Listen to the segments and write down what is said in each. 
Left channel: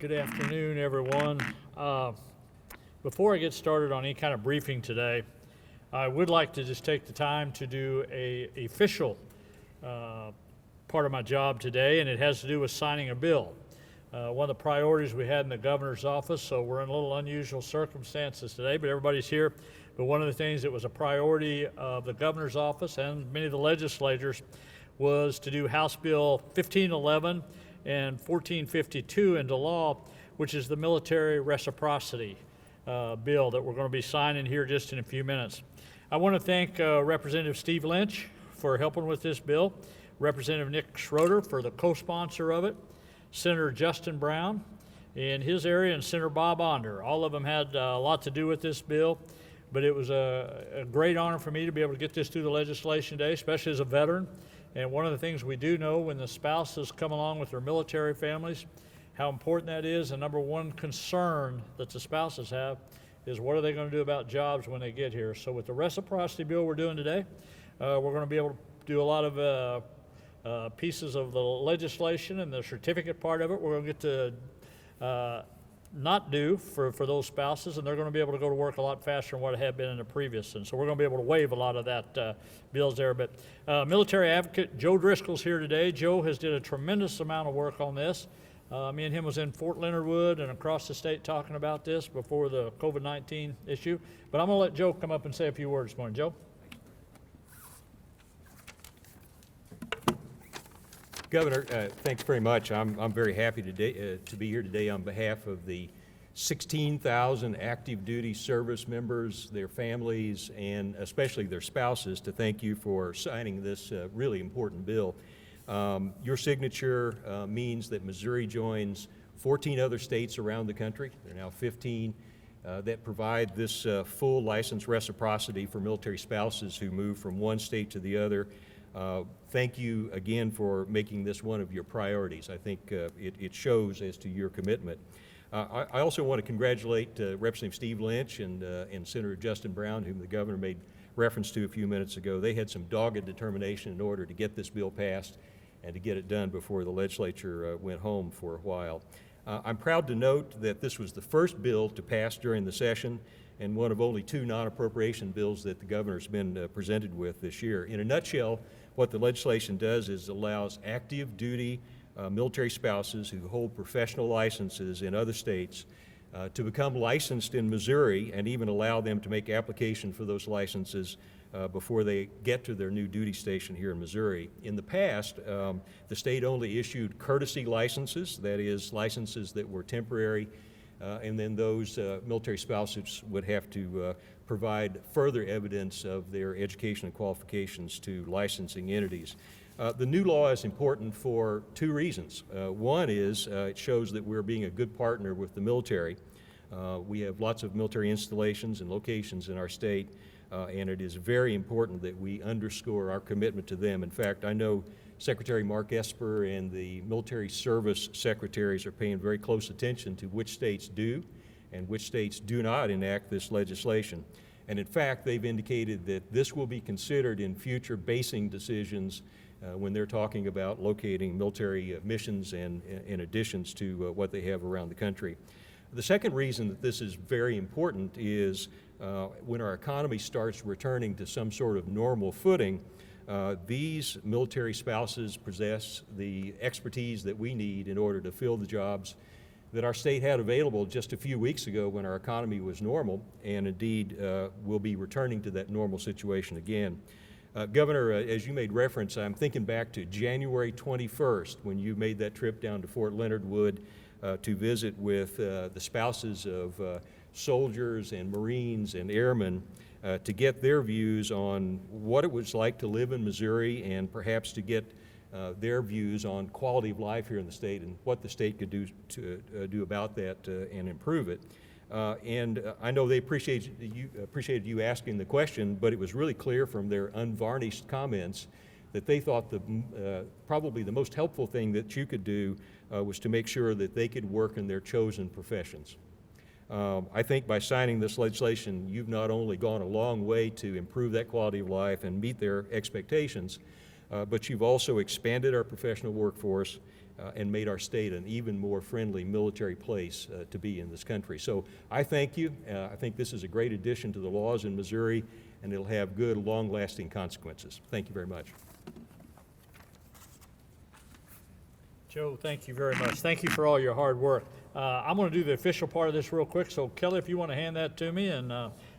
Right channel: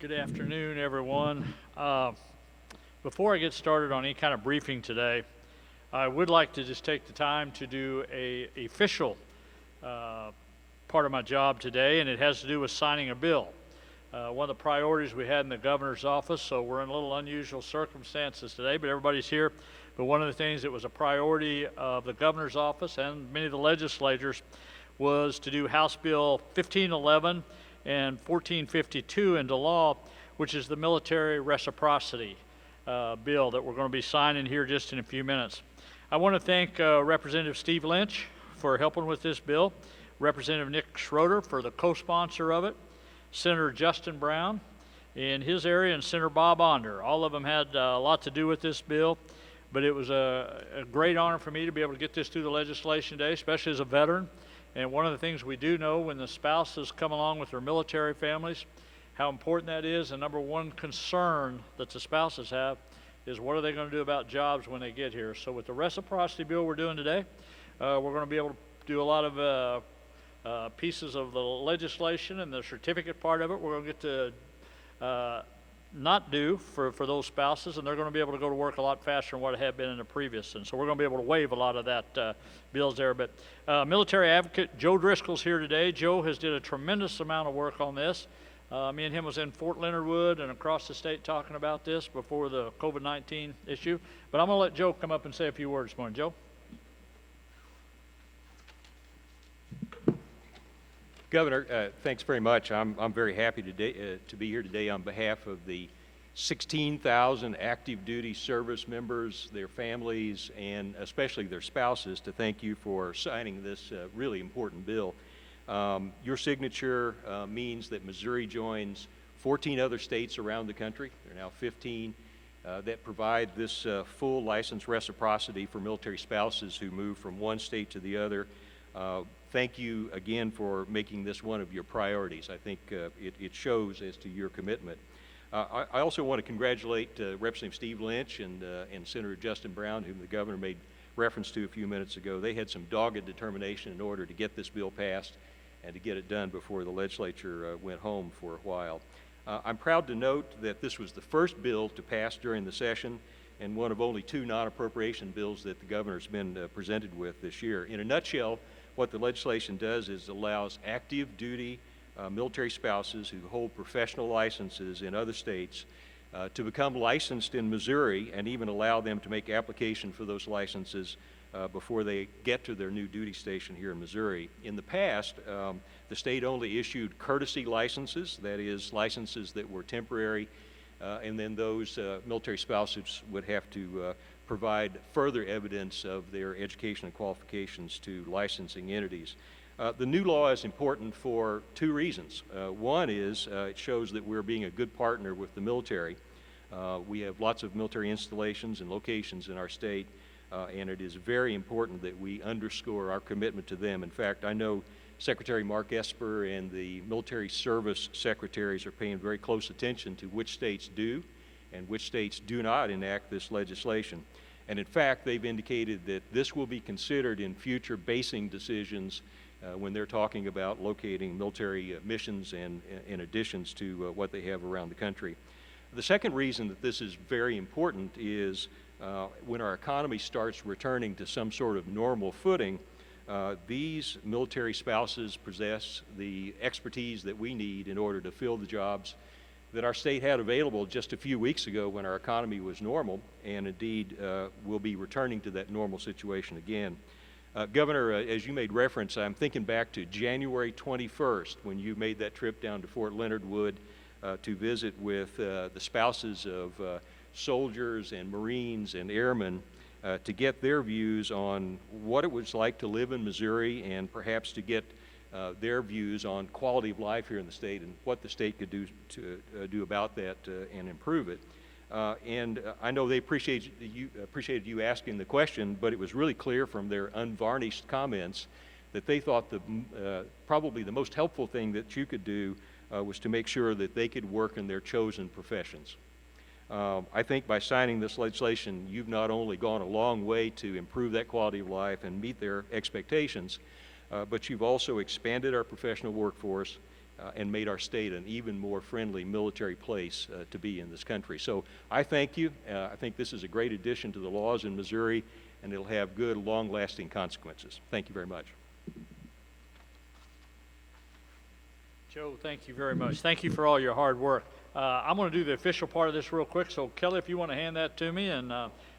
Good afternoon, everyone. Before I get started on any kind of briefing today, I would like to just take the time to do a official part of my job today, and it has to do with signing a bill. One of the priorities we had in the governor's office, so we're in a little unusual circumstances today, but everybody's here. But one of the things that was a priority of the governor's office and many of the legislators was to do House Bill 1511 and 1452 into law, which is the military reciprocity bill that we're going to be signing here just in a few minutes. I want to thank Representative Steve Lynch for helping with this bill, Representative Nick Schroeder for the co-sponsor of it, Senator Justin Brown in his area, and Senator Bob Onder. All of them had a lot to do with this bill, but it was a great honor for me to be able to get this through the legislation today, especially as a veteran. And one of the things we do know when the spouses come along with their military families, how important that is. And number one concern that the spouses have is what are they going to do about jobs when they get here. So with the reciprocity bill we're doing today, we're going to be able to do a lot of pieces of the legislation, and the certificate part of it we're going to get to not do for those spouses, and they're going to be able to go to work a lot faster than what it had been in the previous. And so we're going to be able to waive a lot of that bills there. But military advocate Joe Driscoll's here today. Joe has did a tremendous amount of work on this. Me and him was in Fort Leonard Wood and across the state talking about this before the COVID-19 issue. But I'm going to let Joe come up and say a few words this morning. Joe? Governor, thanks very much. I'm very happy today to be here today on behalf of the 16,000 active duty service members, their families, and especially their spouses to thank you for signing this really important bill. Your signature means that Missouri joins 14 other states around the country. There are now 15 that provide this full license reciprocity for military spouses who move from one state to the other. Thank you again for making this one of your priorities. I think it shows as to your commitment. I also want to congratulate Representative Steve Lynch and Senator Justin Brown, whom the governor made reference to a few minutes ago. They had some dogged determination in order to get this bill passed and to get it done before the legislature went home for a while. I'm proud to note that this was the first bill to pass during the session and one of only two non-appropriation bills that the governor's been presented with this year. In a nutshell, what the legislation does is allows active duty military spouses who hold professional licenses in other states to become licensed in Missouri and even allow them to make application for those licenses before they get to their new duty station here in Missouri. In the past, the state only issued courtesy licenses, that is, licenses that were temporary, and then those military spouses would have to provide further evidence of their education and qualifications to licensing entities. The new law is important for two reasons. One is it shows that we're being a good partner with the military. We have lots of military installations and locations in our state, and it is very important that we underscore our commitment to them. In fact, I know Secretary Mark Esper and the military service secretaries are paying very close attention to which states do and which states do not enact this legislation. And in fact, they've indicated that this will be considered in future basing decisions when they're talking about locating military missions and in additions to what they have around the country. The second reason that this is very important is when our economy starts returning to some sort of normal footing, these military spouses possess the expertise that we need in order to fill the jobs that our state had available just a few weeks ago when our economy was normal, and indeed will be returning to that normal situation again. Governor, as you made reference, I'm thinking back to January 21st when you made that trip down to Fort Leonard Wood to visit with the spouses of soldiers and Marines and airmen to get their views on what it was like to live in Missouri and perhaps to get their views on quality of life here in the state and what the state could do to do about that and improve it. And I know they appreciated you asking the question, but it was really clear from their unvarnished comments that they thought probably the most helpful thing that you could do was to make sure that they could work in their chosen professions. I think by signing this legislation, you've not only gone a long way to improve that quality of life and meet their expectations, but you've also expanded our professional workforce and made our state an even more friendly military place to be in this country. So I thank you. I think this is a great addition to the laws in Missouri, and it'll have good, long-lasting consequences. Thank you very much. Joe, thank you very much. Thank you for all your hard work. I'm going to do the official part of this real quick, so Kelly, if you want to hand that to me, and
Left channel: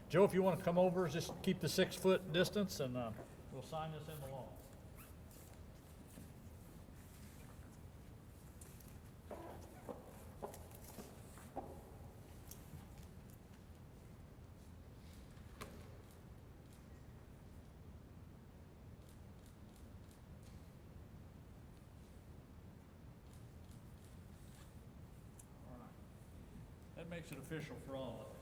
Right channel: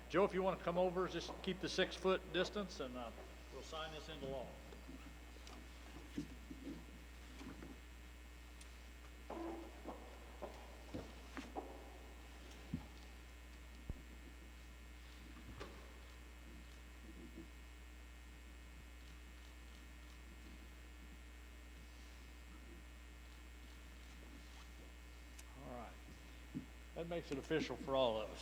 Joe, if you want to come over, just keep the 6-foot distance, and we'll sign this into law. That makes it official for all of us.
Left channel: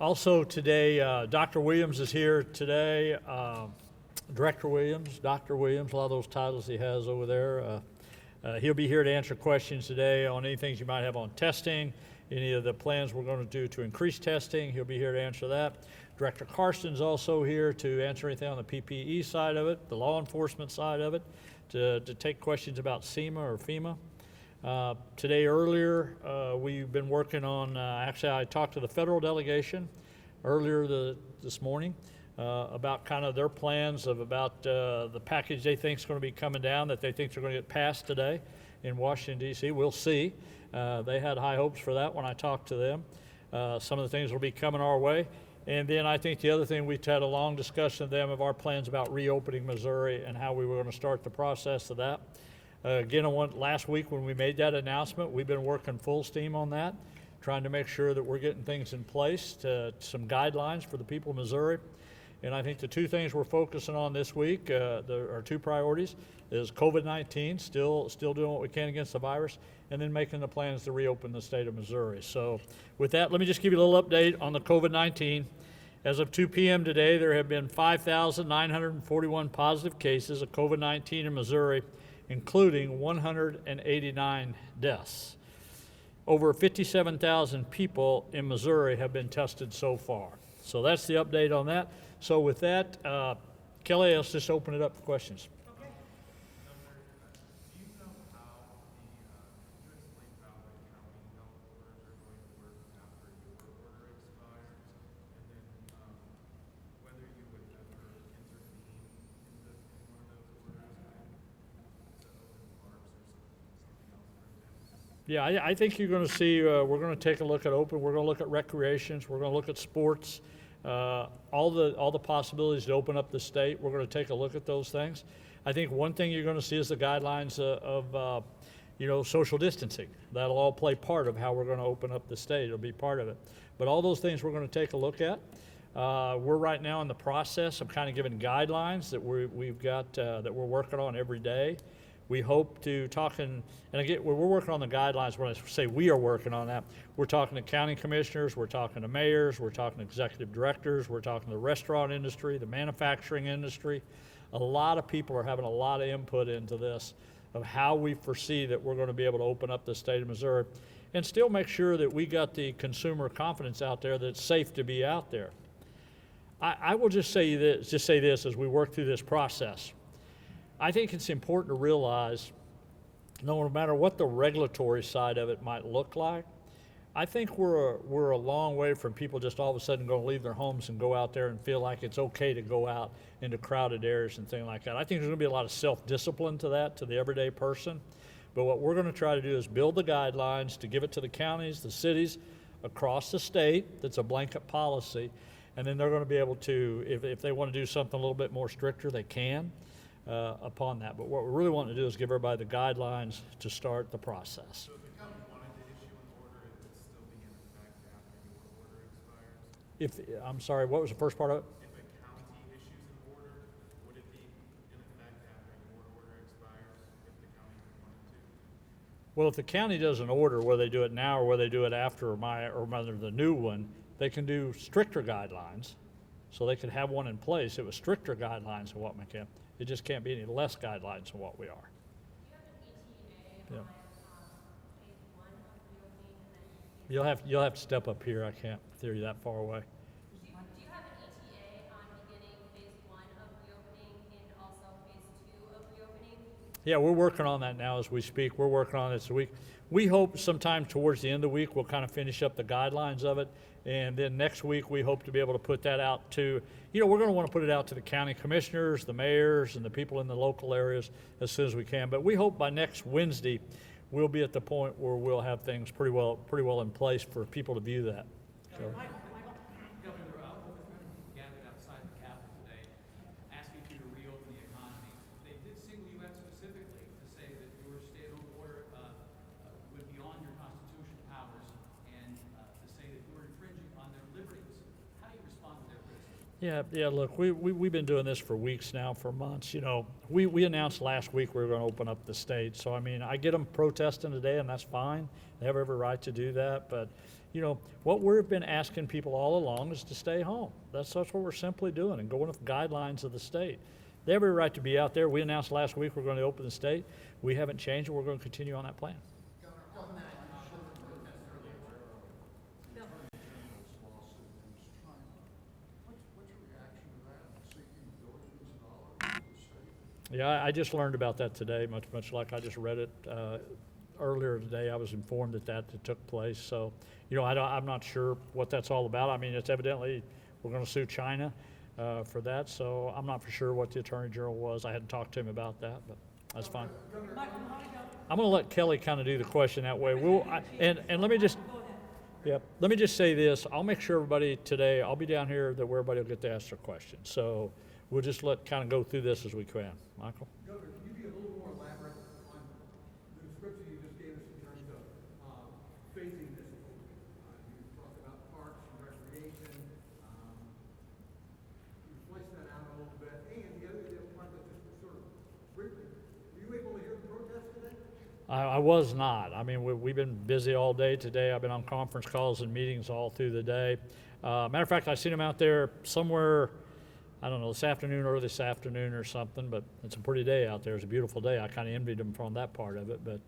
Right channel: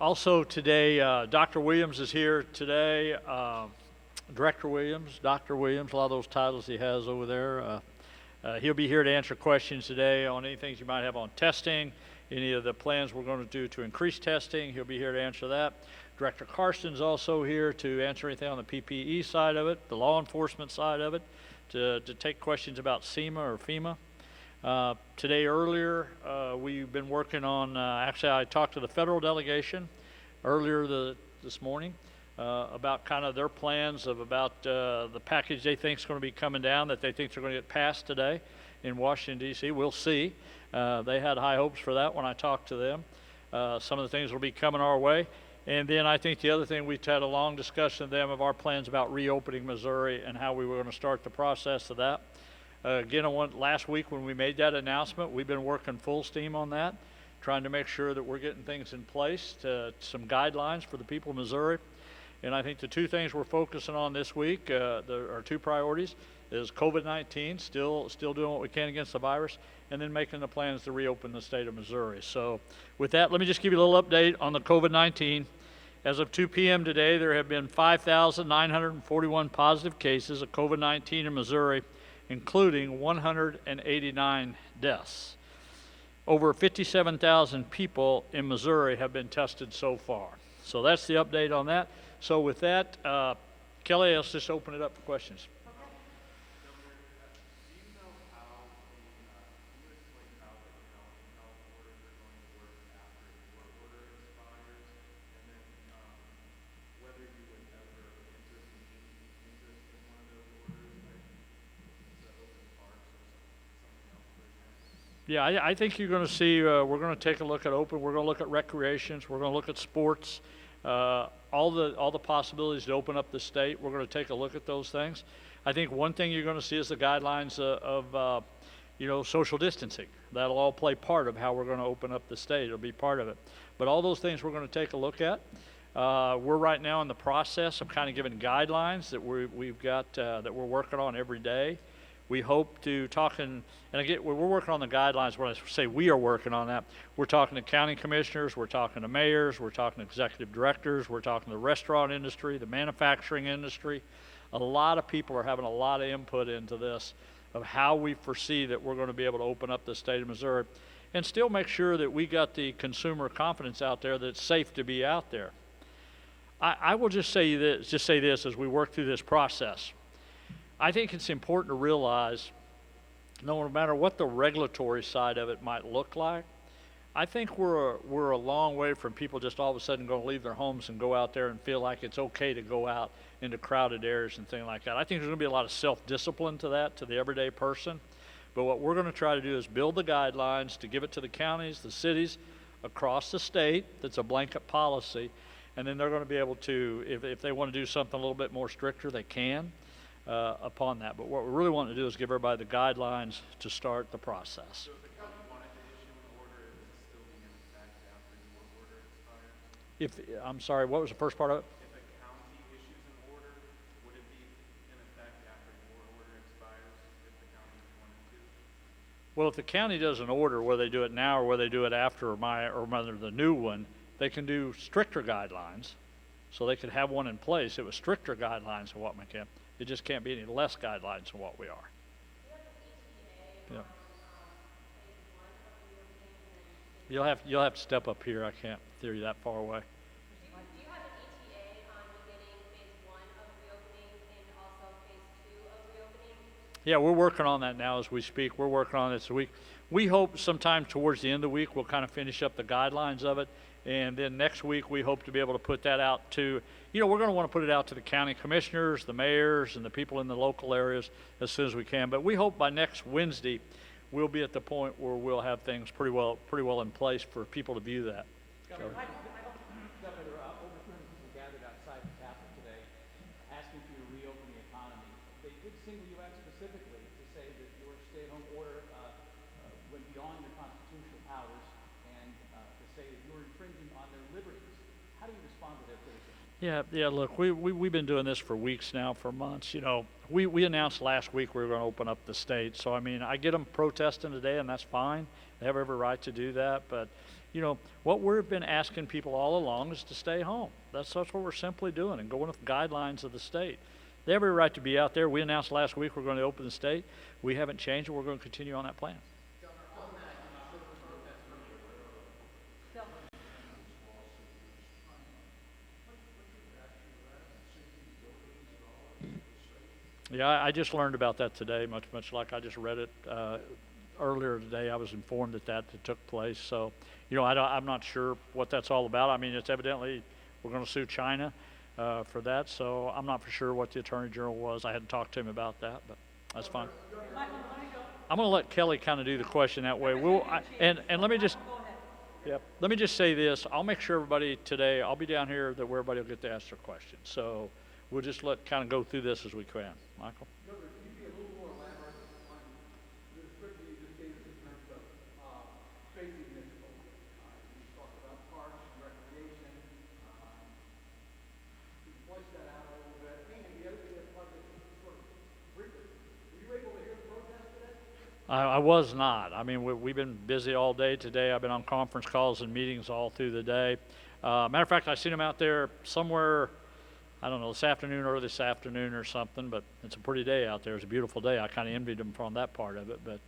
Also today, Dr. Williams is here today. Director Williams, Dr. Williams, a lot of those titles he has over there. He'll be here to answer questions today on any things you might have on testing, any of the plans we're going to do to increase testing. He'll be here to answer that. Director Carson's also here to answer anything on the PPE side of it, the law enforcement side of it, to take questions about SEMA or FEMA. Today earlier, we've been working on, actually I talked to the federal delegation earlier this morning about kind of their plans of about the package they think is going to be coming down that they think they're going to get passed today in Washington, D.C. We'll see. They had high hopes for that when I talked to them. Some of the things will be coming our way. And then I think the other thing, we had a long discussion with them of our plans about reopening Missouri and how we were going to start the process of that. Again, last week when we made that announcement, we've been working full steam on that, trying to make sure that we're getting things in place, some guidelines for the people of Missouri. And I think the two things we're focusing on this week, our two priorities, is COVID-19, still doing what we can against the virus, and then making the plans to reopen the state of Missouri. So with that, let me just give you a little update on the COVID-19. As of 2 p.m. today, there have been 5,941 positive cases of COVID-19 in Missouri, including 189 deaths. Over 57,000 people in Missouri have been tested so far. So that's the update on that. So with that, Kelly, let's just open it up for questions. Yeah, I think you're going to see, we're going to take a look at open, we're going to look at recreations, we're going to look at sports, all the possibilities to open up the state. We're going to take a look at those things. I think one thing you're going to see is the guidelines of social distancing. That'll all play part of how we're going to open up the state. It'll be part of it. But all those things we're going to take a look at. We're right now in the process of kind of giving guidelines that we've got that we're working on every day. We hope to talk and again, we're working on the guidelines. When I say we are working on that, we're talking to county commissioners, we're talking to mayors, we're talking to executive directors, we're talking to the restaurant industry, the manufacturing industry. A lot of people are having a lot of input into this of how we foresee that we're going to be able to open up the state of Missouri and still make sure that we got the consumer confidence out there that it's safe to be out there. I will just say this as we work through this process. I think it's important to realize no matter what the regulatory side of it might look like, I think we're a long way from people just all of a sudden going to leave their homes and go out there and feel like it's okay to go out into crowded areas and things like that. I think there's going to be a lot of self-discipline to that, to the everyday person. But what we're going to try to do is build the guidelines to give it to the counties, the cities across the state. That's a blanket policy. And then they're going to be able to, if they want to do something a little bit more stricter, they can. Upon that. But what we really want to do is give everybody the guidelines to start the process. So if the county wanted to issue an order, it would still be in effect after the court order expires? I'm sorry, what was the first part of it? If a county issues an order, would it be in effect after the court order expires if the county wanted to? Well, if the county does an order, whether they do it now or whether they do it after the new one, they can do stricter guidelines. So they could have one in place. It was stricter guidelines of what we can. It just can't be any less guidelines than what we are. Do you have an ETA Yeah. on phase one of reopening? And then You'll have to step up here. I can't hear you that far away. do you Yeah, we're working on that now as we speak. We're working on it. So we hope sometime towards the end of the week, we'll kind of finish up the guidelines of it. And then next week, we hope to be able to put that out to, we're going to want to put it out to the county commissioners, the mayors, and the people in the local areas as soon as we can. But we hope by next Wednesday, we'll be at the point where we'll have things pretty well in place for people to view that. So. Governor, over 200 people gathered outside the Capitol today, asking for you to reopen the economy. They did single you out specifically to say that your stay-at-home order went beyond your constitutional powers and to say that you were infringing on their liberties. How do you respond to their criticism? Yeah, look, we've been doing this for weeks now, for months, We announced last week we were going to open up the state, so I mean, I get them protesting today, and that's fine. They have every right to do that, but, what we've been asking people all along is to stay home. That's what we're simply doing, and going with the guidelines of the state. They have every right to be out there. We announced last week we're going to open the state. We haven't changed, and we're going to continue on that plan. Yeah, I just learned about that today, much like I just read it earlier today. I was informed that took place. So, I'm not sure what that's all about. I mean, it's evidently we're going to sue China for that. So I'm not for sure what the Attorney General was. I hadn't talked to him about that, but that's fine. I'm going to let Kelly kind of do the question that way. And let me just say this. I'll make sure everybody today, I'll be down here that where everybody will get to ask their questions. So we'll just kind of go through this as we can. Michael? Governor, can you be a little more elaborate on the description you just gave us in terms of phasing this open? You talked about parks and recreation. Can you flesh that out a little bit? And the other part that just sort of briefly, were you able to hear the protest today? I was not. I mean, we've been busy all day today. I've been on conference calls and meetings all through the day. Matter of fact, I seen them out there somewhere, I don't know, this afternoon or something, but it's a pretty day out there. It's a beautiful day. I kind of envied them from that part of it, but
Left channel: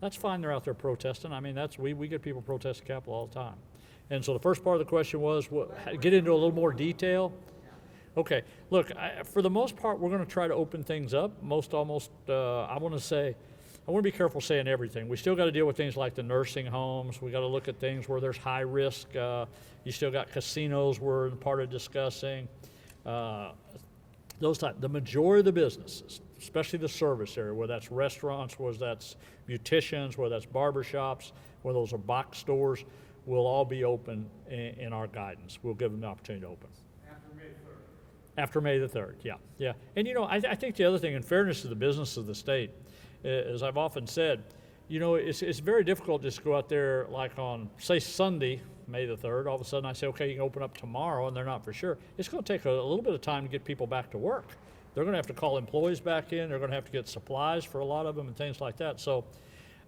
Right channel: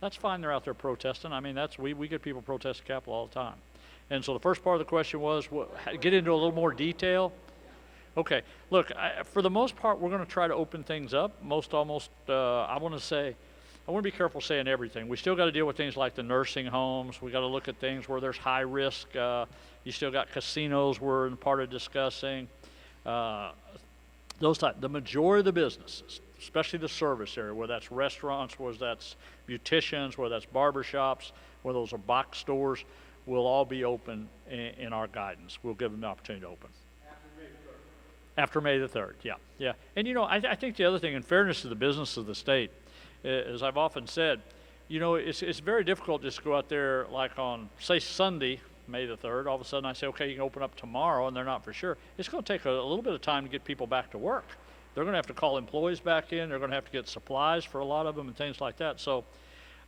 that's fine. They're out there protesting. I mean, we get people protest the Capitol all the time. And so the first part of the question was, get into a little more detail. Okay, look, for the most part, we're going to try to open things up. I want to be careful saying everything. We still got to deal with things like the nursing homes. We got to look at things where there's high risk. You still got casinos we're part of discussing. The majority of the businesses, especially the service area, whether that's restaurants, whether that's beauticians, whether that's barbershops, whether those are box stores, will all be open in our guidance. We'll give them the opportunity to open. After May the 3rd, yeah. And I think the other thing, in fairness to the business of the state, as I've often said, it's very difficult just to go out there like on, say, Sunday, May the 3rd, all of a sudden I say, okay, you can open up tomorrow, and they're not for sure. It's going to take a little bit of time to get people back to work. They're going to have to call employees back in. They're going to have to get supplies for a lot of them and things like that. So,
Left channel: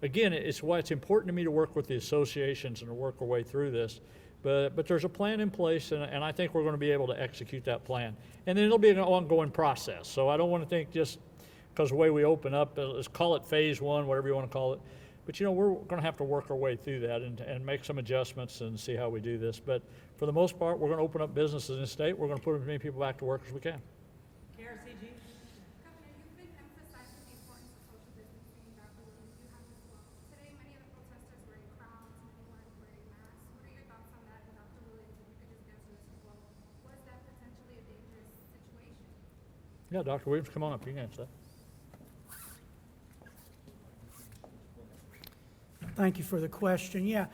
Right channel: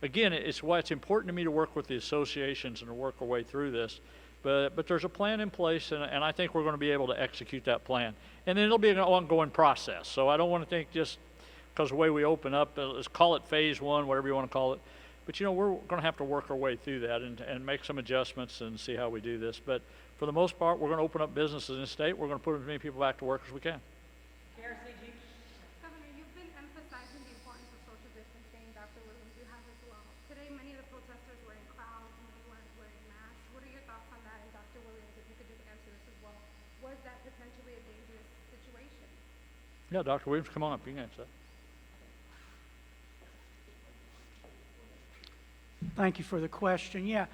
again, it's why it's important to me to work with the associations and to work our way through this. But there's a plan in place, and I think we're going to be able to execute that plan. And then it'll be an ongoing process. So I don't want to think just because the way we open up, let's call it phase one, whatever you want to call it. But we're going to have to work our way through that and make some adjustments and see how we do this. But for the most part, we're going to open up businesses in the state. We're going to put as many people back to work as we can. Governor, you've been emphasizing the importance of social distancing. Dr. Williams, you have as well. Today, many of the protesters were in crowds, many weren't wearing masks. What are your thoughts on that? And Dr. Williams, if you could just answer this as well. Was that potentially a dangerous situation? Yeah, Dr. Williams, come on up. You can answer that. Thank you for the question. Yeah,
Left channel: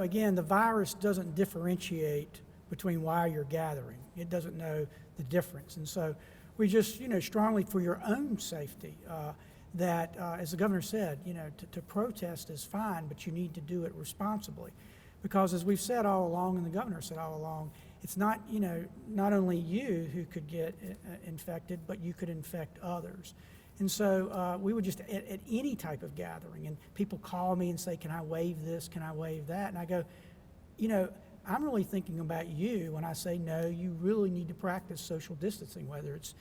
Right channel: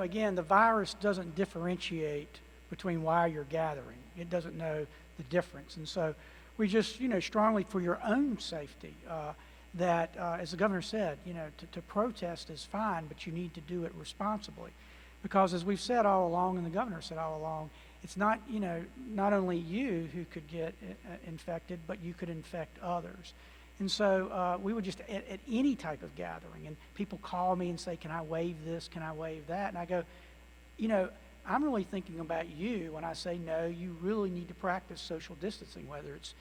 again, the virus doesn't differentiate between why you're gathering. It doesn't know the difference. And so we just, strongly for your own safety, that, as the governor said, to protest is fine, but you need to do it responsibly. Because as we've said all along, and the governor said all along, it's not, not only you who could get infected, but you could infect others. And so we would just, at any type of gathering, and people call me and say, can I waive this, can I waive that? And I go, I'm really thinking about you when I say, no, you really need to practice social distancing, whether it's,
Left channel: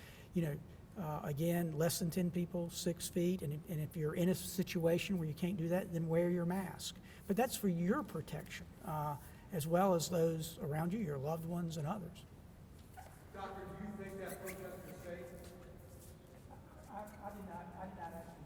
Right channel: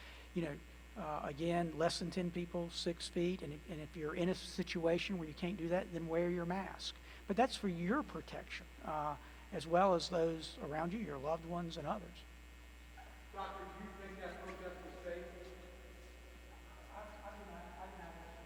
again, less than 10 people, 6 feet, and if you're in a situation where you can't do that, then wear your mask. But that's for your protection, as well as those around you, your loved ones and others. Doctor, do you think that protest was safe? I did not ask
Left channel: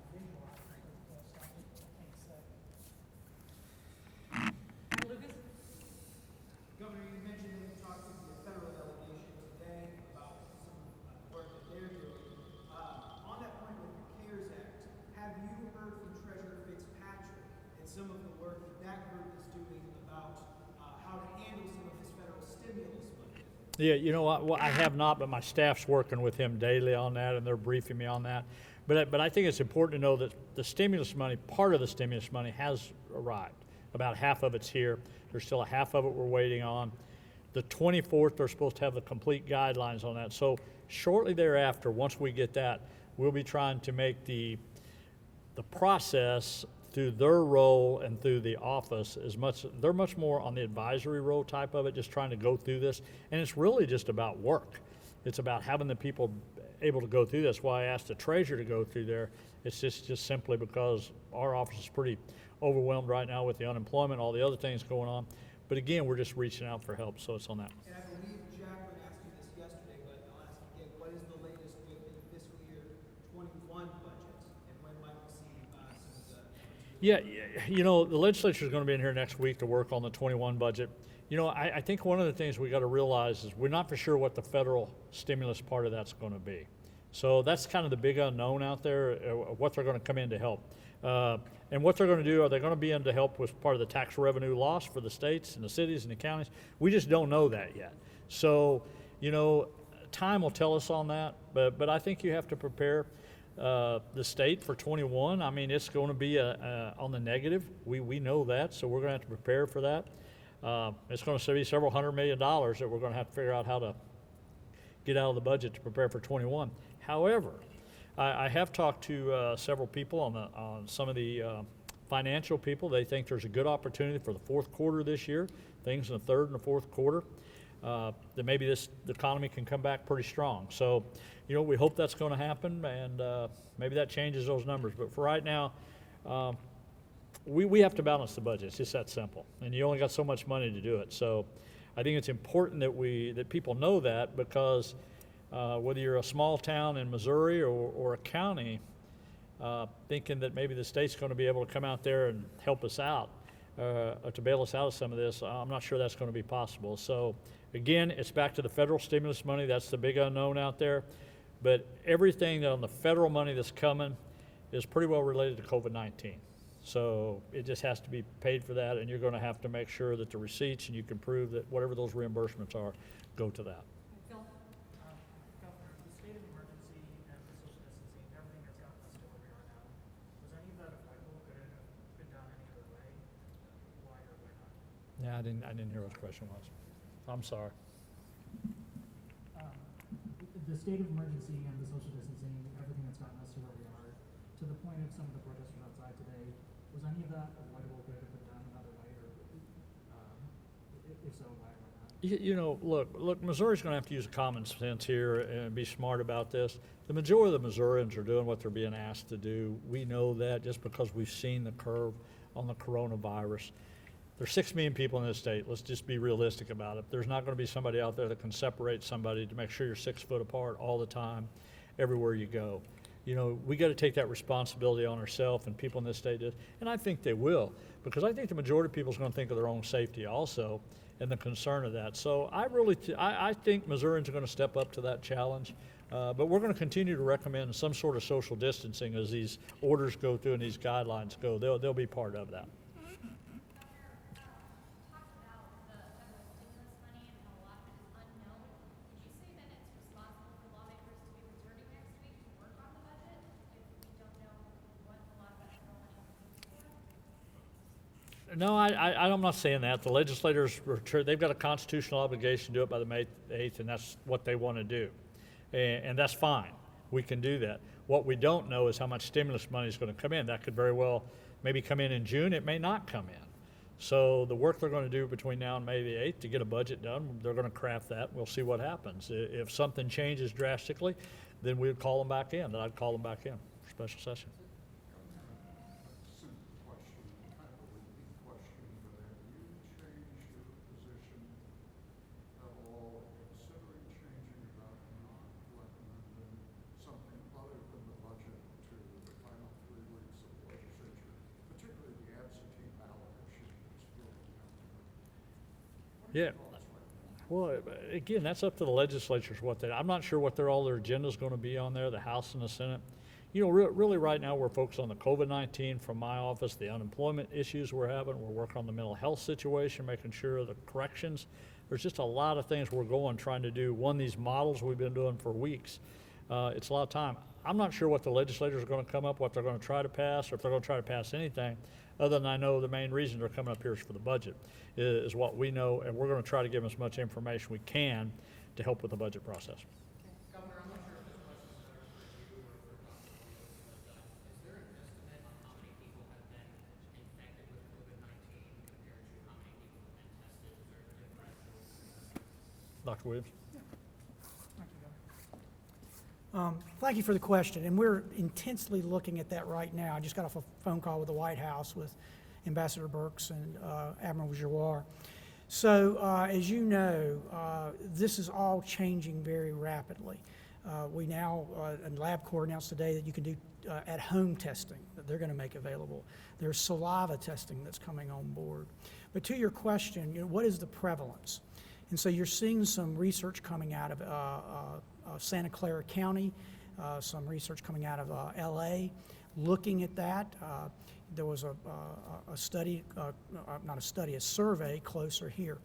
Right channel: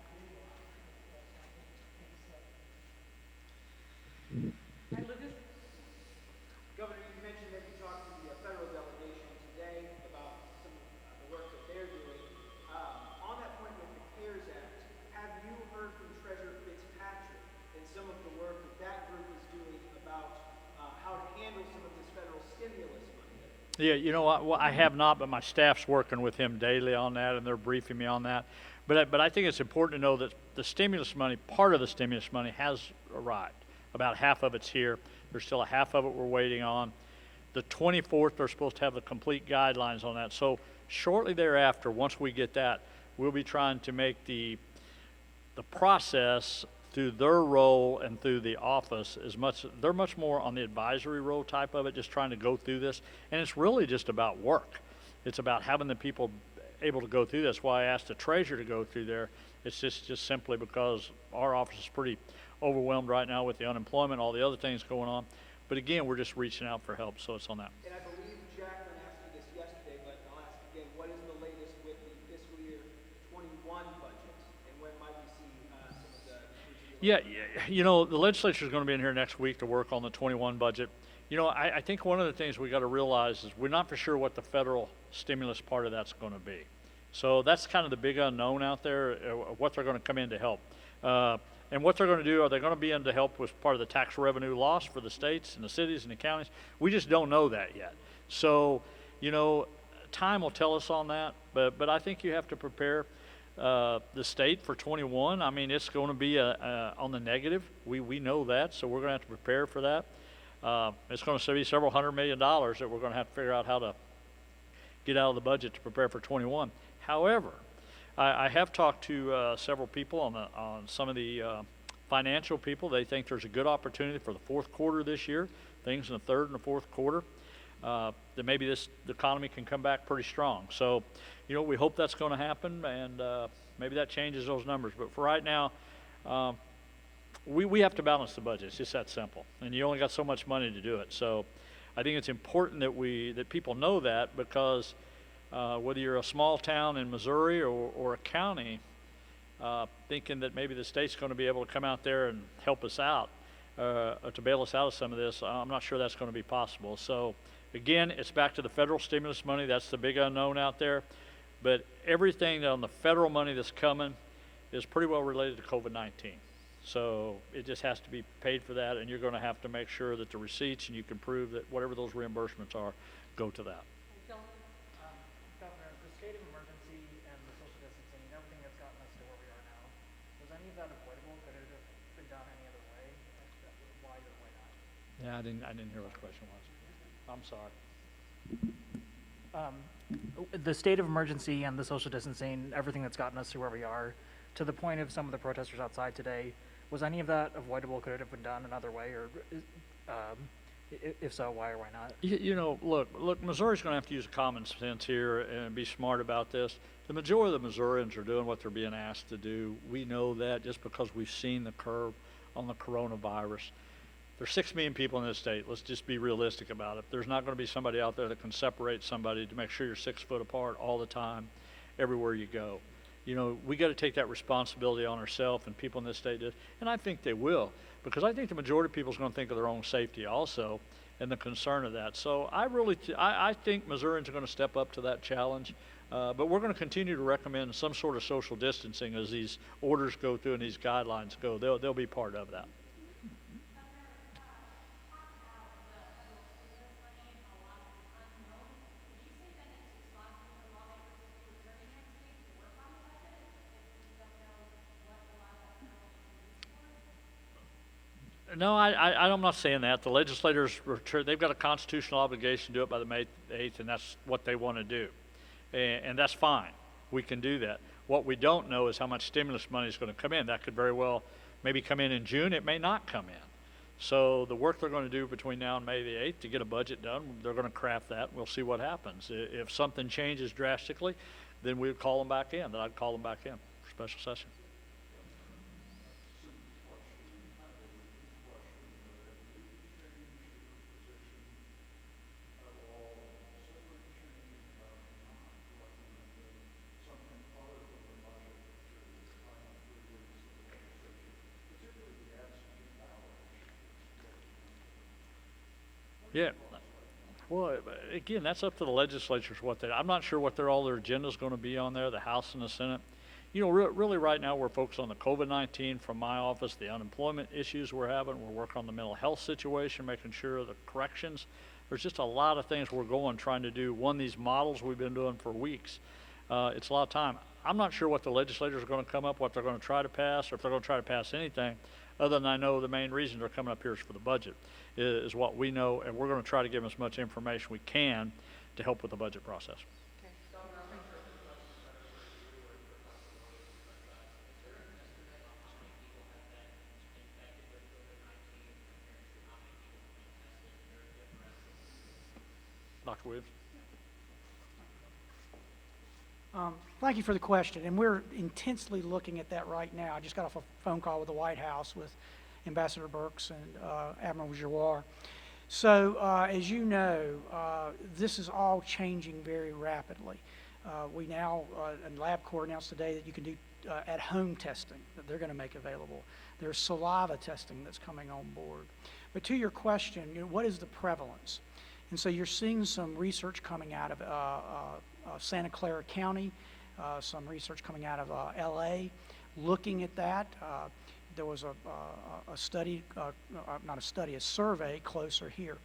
you know what, well, I have not, but my staff's working with him daily on that, and they're briefing me on that. But I think it's important to know that the stimulus money, part of the stimulus money has arrived. About half of it's here. There's still a half of it we're waiting on. The 24th, they're supposed to have the complete guidelines on that. So shortly thereafter, once we get that, we'll be trying to make the process through their role and through the office they're much more on the advisory role type of it, just trying to go through this. And it's really just about work. It's about having the people able to go through this. Why I asked the treasurer to go through there, it's just simply because our office is pretty overwhelmed right now with the unemployment, all the other things going on. But again, we're just reaching out for help, so it's on that. And I believe Jacqueline asked you this yesterday, but I'll ask again, what is the latest with the fiscal year 21 budget? And when might we see some of the... Yeah, you know, the legislature is going to be in here next week to work on the 21 budget. You know, I think one of the things we got to realize is we're not for sure what the federal stimulus part of that's going to be. So that's kind of the big unknown out there, what they're going to come in to help. And what they're going to do, are they going to be in to help with part of the tax revenue loss for the states and the cities and the counties? We just don't know that yet. So, you know, time will tell us on that, but I think you have to prepare the state for 21. I mean, it's going to be on the negative. We know that, so we're going to have to prepare for that. It's going to be several $100 million that we're going to have to figure out how to get out of the budget to prepare for 21. However, I have talked to several people on some of the financial people. They think there's a good opportunity for the fourth quarter this year, things in the third and the fourth quarter, that maybe the economy can come back pretty strong. So, you know, we hope that's going to happen, and maybe that changes those numbers. But for right now, we have to balance the budget. It's just that simple, and you only got so much money to do it. So I think it's important that people know that, because whether you're a small town in Missouri or a county, thinking that maybe the state's going to be able to come out there and help us out, to bail us out of some of this, I'm not sure that's going to be possible. So again, it's back to the federal stimulus money. That's the big unknown out there. But everything on the federal money that's coming is pretty well related to COVID-19. So it just has to be paid for that, and you're going to have to make sure that the receipts, and you can prove that whatever those reimbursements are, go to that. Governor, the state of emergency and the social distancing, everything that's gotten us to where we are now, was any of that avoidable? Could it have been done any other way? Why or why not? Yeah, I didn't hear what the question was. I'm sorry. The state of emergency and the social distancing, everything that's gotten us to where we are, to the point of some of the protesters outside today, was any of that avoidable? Could it have been done another way, or if so, why or why not? You know, look, Missouri's going to have to use common sense here and be smart about this. The majority of the Missourians are doing what they're being asked to do. We know that just because we've seen the curve on the coronavirus. There's 6 million people in this state. Let's just be realistic about it. There's not going to be somebody out there that can separate somebody to make sure you're 6 foot apart all the time, everywhere you go. You know, we got to take that responsibility on ourselves, and people in this state, and I think they will, because I think the majority of people is going to think of their own safety also, and the concern of that. So I think Missourians are going to step up to that challenge, but we're going to continue to recommend some sort of social distancing as these orders go through and these guidelines go. They'll be part of that. No, I'm not saying that. The legislators, they've got a constitutional obligation to do it by the May 8th, and that's what they want to do. And that's fine. We can do that. What we don't know is how much stimulus money is going to come in. That could very well maybe come in June. It may not come in. So the work they're going to do between now and May the 8th to get a budget done, they're going to craft that. We'll see what happens. If something changes drastically, then we'd call them back in. Then I'd call them back in for special session. Yeah. Well, again, that's up to the legislatures I'm not sure what all their agenda is going to be on there, the House and the Senate. You know, really right now we're focused on the COVID-19 from my office, the unemployment issues we're having. We're working on the mental health situation, making sure the corrections There's just a lot of things we're trying to do. One, these models we've been doing for weeks. It's a lot of time. I'm not sure what the legislators are going to come up, what they're going to try to pass, or if they're going to try to pass anything, other than I know the main reason they're coming up here is for the budget, is what we know, and we're going to try to give them as much information we can to help with the budget process. Dr. Williams? Thank you for the question, and we're intensely looking at that right now. I just got off a phone call with the White House with Ambassador Burks and Admiral Giroir. So, as you know, this is all changing very rapidly. We now, and LabCorp announced today that you can do at-home testing that they're going to make available. There's saliva testing that's coming on board. But to your question, what is the prevalence? And so you're seeing some research coming out of Santa Clara County, some research coming out of LA, looking at that. There was a study, not a study, a survey closer here.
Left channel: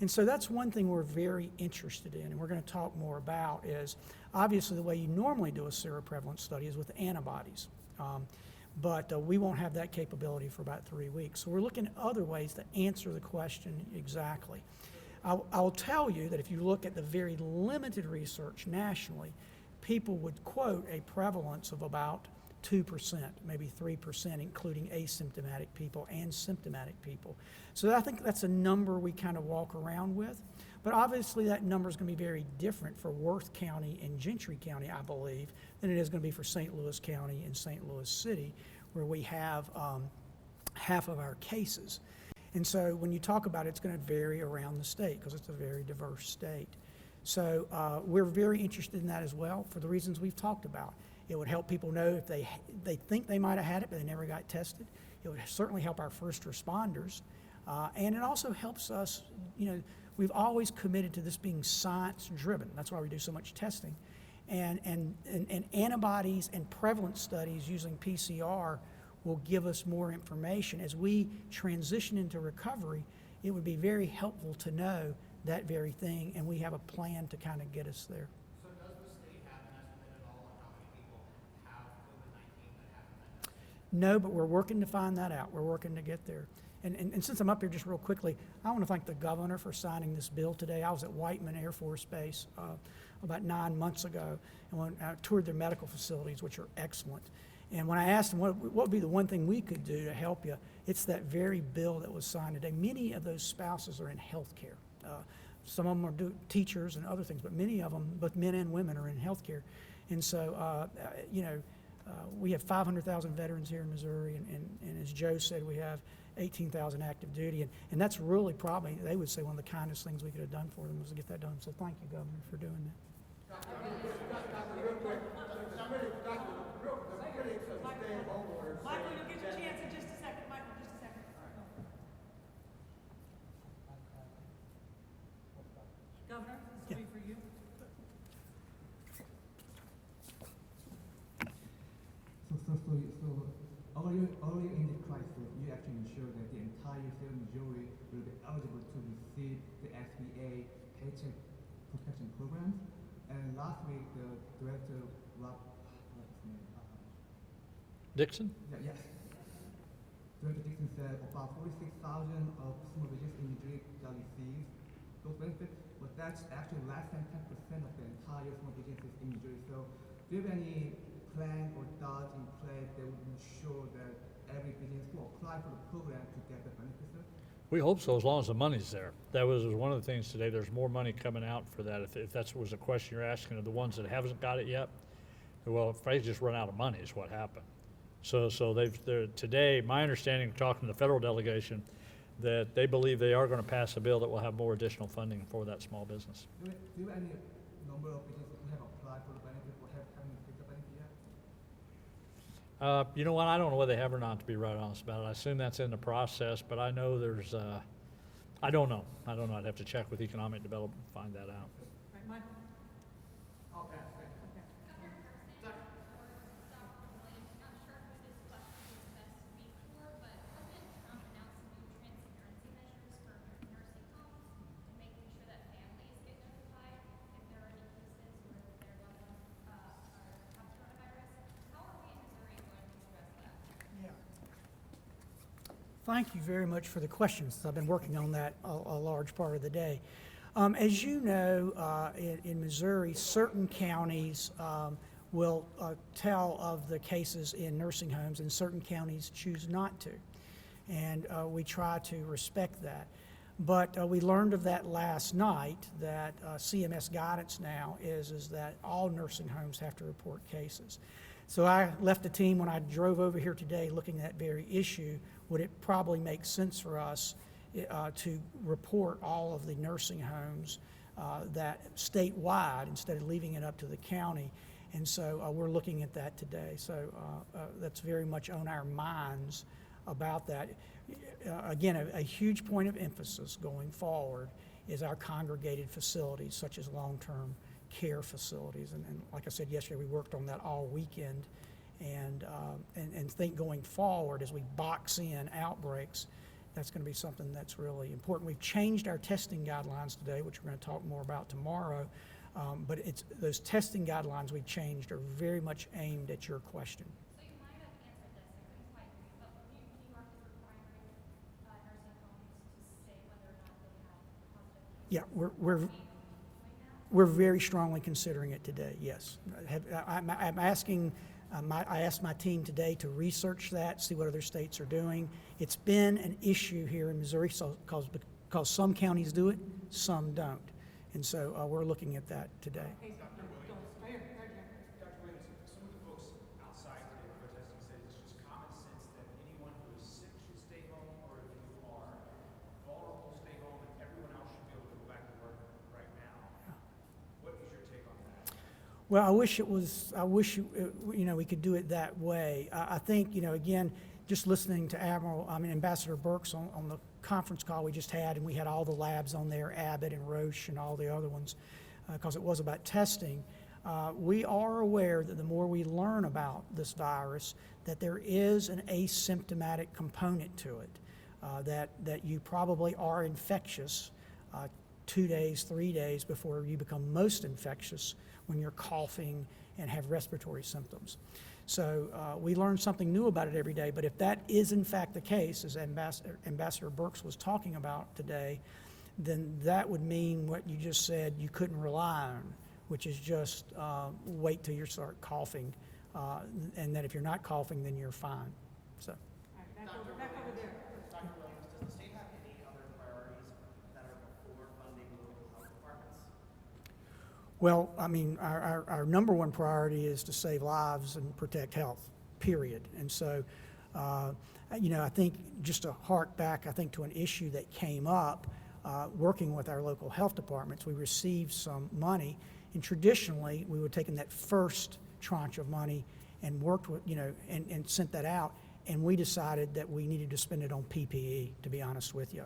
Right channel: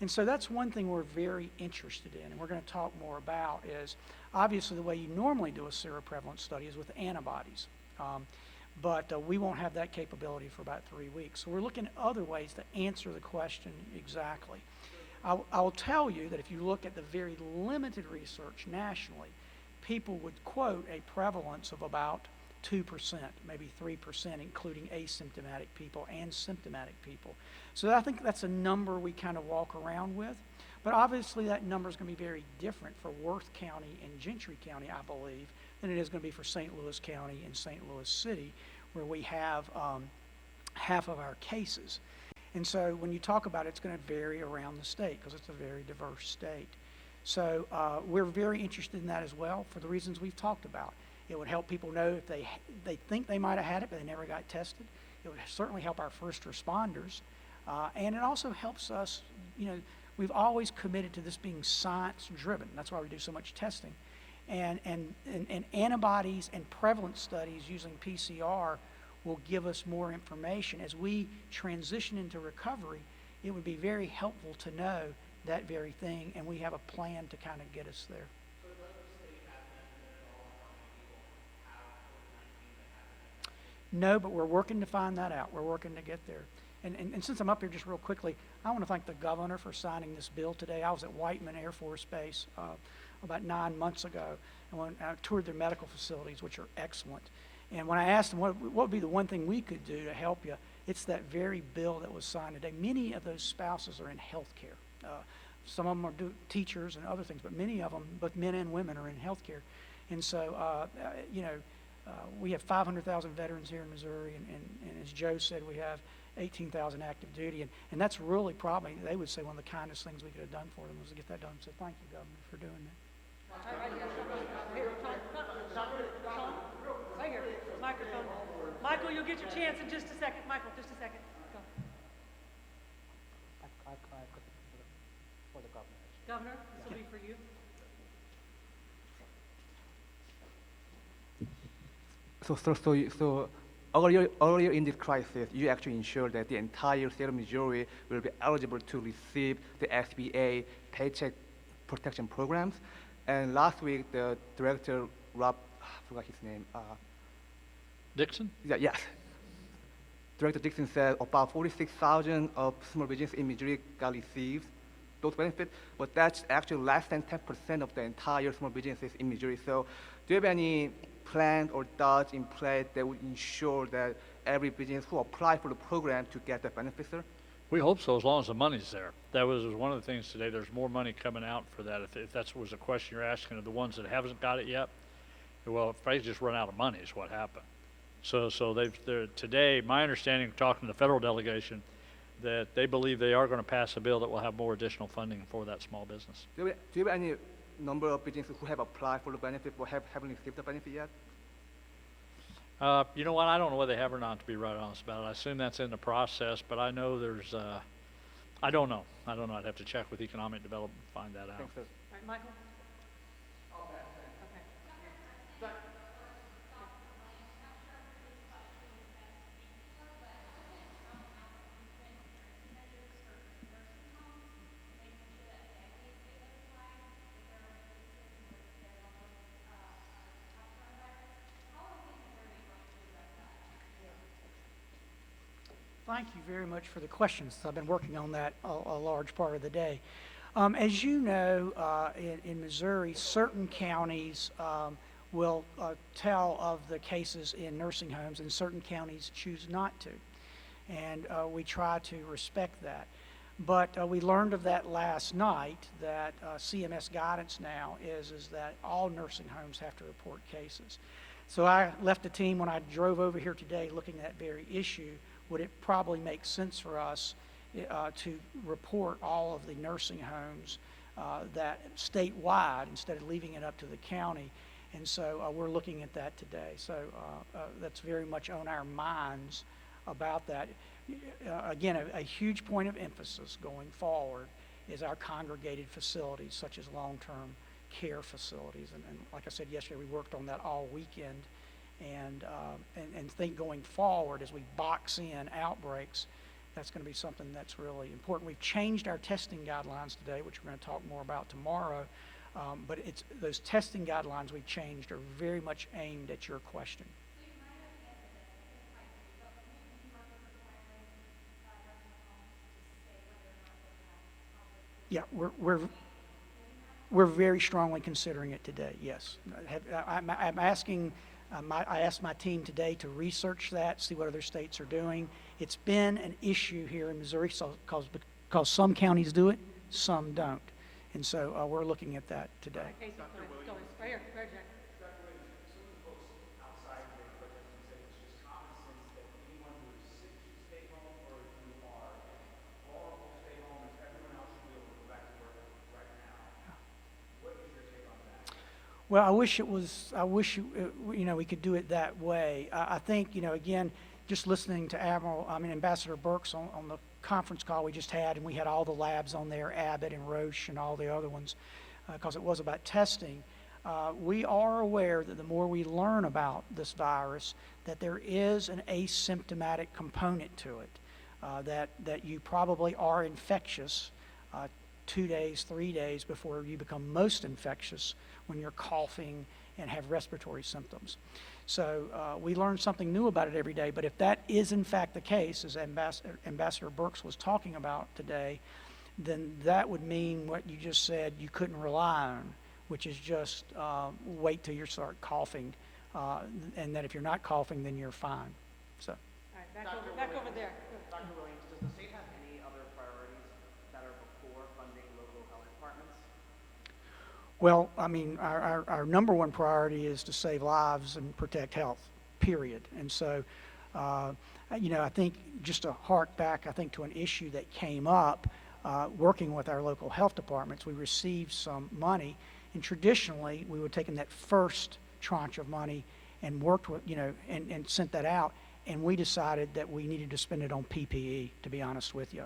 And so that's one thing we're very interested in, and we're going to talk more about is obviously the way you normally do a seroprevalence study is with antibodies. But we won't have that capability for about 3 weeks. So we're looking at other ways to answer the question exactly. I'll tell you that if you look at the very limited research nationally, people would quote a prevalence of about 2%, maybe 3%, including asymptomatic people and symptomatic people. So I think that's a number we kind of walk around with. But obviously that number is going to be very different for Worth County and Gentry County, I believe, than it is going to be for St. Louis County and St. Louis City, where we have half of our cases. And so when you talk about it, it's going to vary around the state because it's a very diverse state. So we're very interested in that as well for the reasons we've talked about. It would help people know if they think they might have had it, but they never got tested. It would certainly help our first responders. And it also helps us, we've always committed to this being science-driven. That's why we do so much testing. And antibodies and prevalence studies using PCR will give us more information. As we transition into recovery, it would be very helpful to know that very thing, and we have a plan to kind of get us there. So does the state have an estimate at all on how many people have COVID-19 that have that? No, but we're working to find that out. We're working to get there. And since I'm up here just real quickly, I want to thank the governor for signing this bill today. I was at Whiteman Air Force Base about 9 months ago, and when I toured their medical facilities, which are excellent. And when I asked them what would be the one thing we could do to help you, it's that very bill that was signed today. Many of those spouses are in healthcare. Some of them are teachers and other things, but many of them, both men and women, are in healthcare. And so, we have 500,000 veterans here in Missouri, and as Joe said, we have 18,000 active duty, and that's really probably, they would say, one of the kindest things we could have done for them was to get that done. So thank you, Governor, for doing that. Right here, microphone. Michael, you'll get your chance in just a second. Michael, just a second. Go. Governor, this will be for you. So earlier in this crisis, you actually ensured that the entire state of Missouri will be eligible to receive the SBA Paycheck Protection Programs. And last week, the director, Rob, I forgot his name. Dixon? Yes. Director Dixon said about 46,000 of small businesses in Missouri got received those benefits, but that's actually less than 10% of the entire small businesses in Missouri. So do you have any plans or thoughts in place that would ensure that every business who apply for the program to get the benefits, sir? We hope so, as long as the money's there. That was one of the things today. There's more money coming out for that. If that was a question you're asking of the ones that haven't got it yet, well, if they just run out of money is what happened. So today, my understanding, talking to the federal delegation, that they believe they are going to pass a bill that will have more additional funding for that small business. Do you have any number of businesses who have applied for the benefit but haven't received the benefit yet? You know what? I don't know whether they have or not, to be right honest about it. I assume that's in the process, but I know there's, I don't know. I'd have to check with economic development to find that out. Thanks, sir. All right, Michael? I'll pass. Okay. Thank you very much for the questions. I've been working on that a large part of the day. As you know, in Missouri, certain counties will tell of the cases in nursing homes, and certain counties choose not to. And we try to respect that. But we learned of that last night, that CMS guidance now is that all nursing homes have to report cases. So I left the team when I drove over here today looking at that very issue. Would it probably make sense for us to report all of the nursing homes that statewide instead of leaving it up to the county? And so we're looking at that today. So that's very much on our minds about that. Again, a huge point of emphasis going forward is our congregated facilities, such as long-term care facilities. And like I said yesterday, we worked on that all weekend. And think going forward, as we box in outbreaks, that's going to be something that's really important. We've changed our testing guidelines today, which we're going to talk more about tomorrow. But it's those testing guidelines we changed are very much aimed at your question. So you might have answered this, I think it might be, but New York is requiring nursing homes to say whether or not they have conflict. Yeah, we're very strongly considering it today, yes. I'm asking, I asked my team today to research that, see what other states are doing. It's been an issue here in Missouri because some counties do it, some don't. And so we're looking at that today. Hey, right here, right here. Dr. Williams, some of the folks outside today protesting said it's just common sense that anyone who is sick should stay home, or if you are vulnerable, stay home, and everyone else should be able to go back to work right now. What is your take on that? Well, I wish we could do it that way. I think, again, just listening to Ambassador Burks on the conference call we just had, and we had all the labs on there, Abbott and Roche and all the other ones, because it was about testing. We are aware that the more we learn about this virus, that there is an asymptomatic component to it, that you probably are infectious 2 days, 3 days before you become most infectious when you're coughing and have respiratory symptoms. So we learn something new about it every day, but if that is in fact the case, as Ambassador Burks was talking about today, then that would mean what you just said you couldn't rely on, which is just wait till you start coughing, and that if you're not coughing, then you're fine. So. All right, back over there. Dr. Williams, does the state have any other priorities that are before funding local health departments? Well, our number one priority is to save lives and protect health, period. And so, I think just to hark back, to an issue that came up working with our local health departments, we received some money, and traditionally we would have taken that first tranche of money and worked with, and sent that out, and we decided that we needed to spend it on PPE, to be honest with you.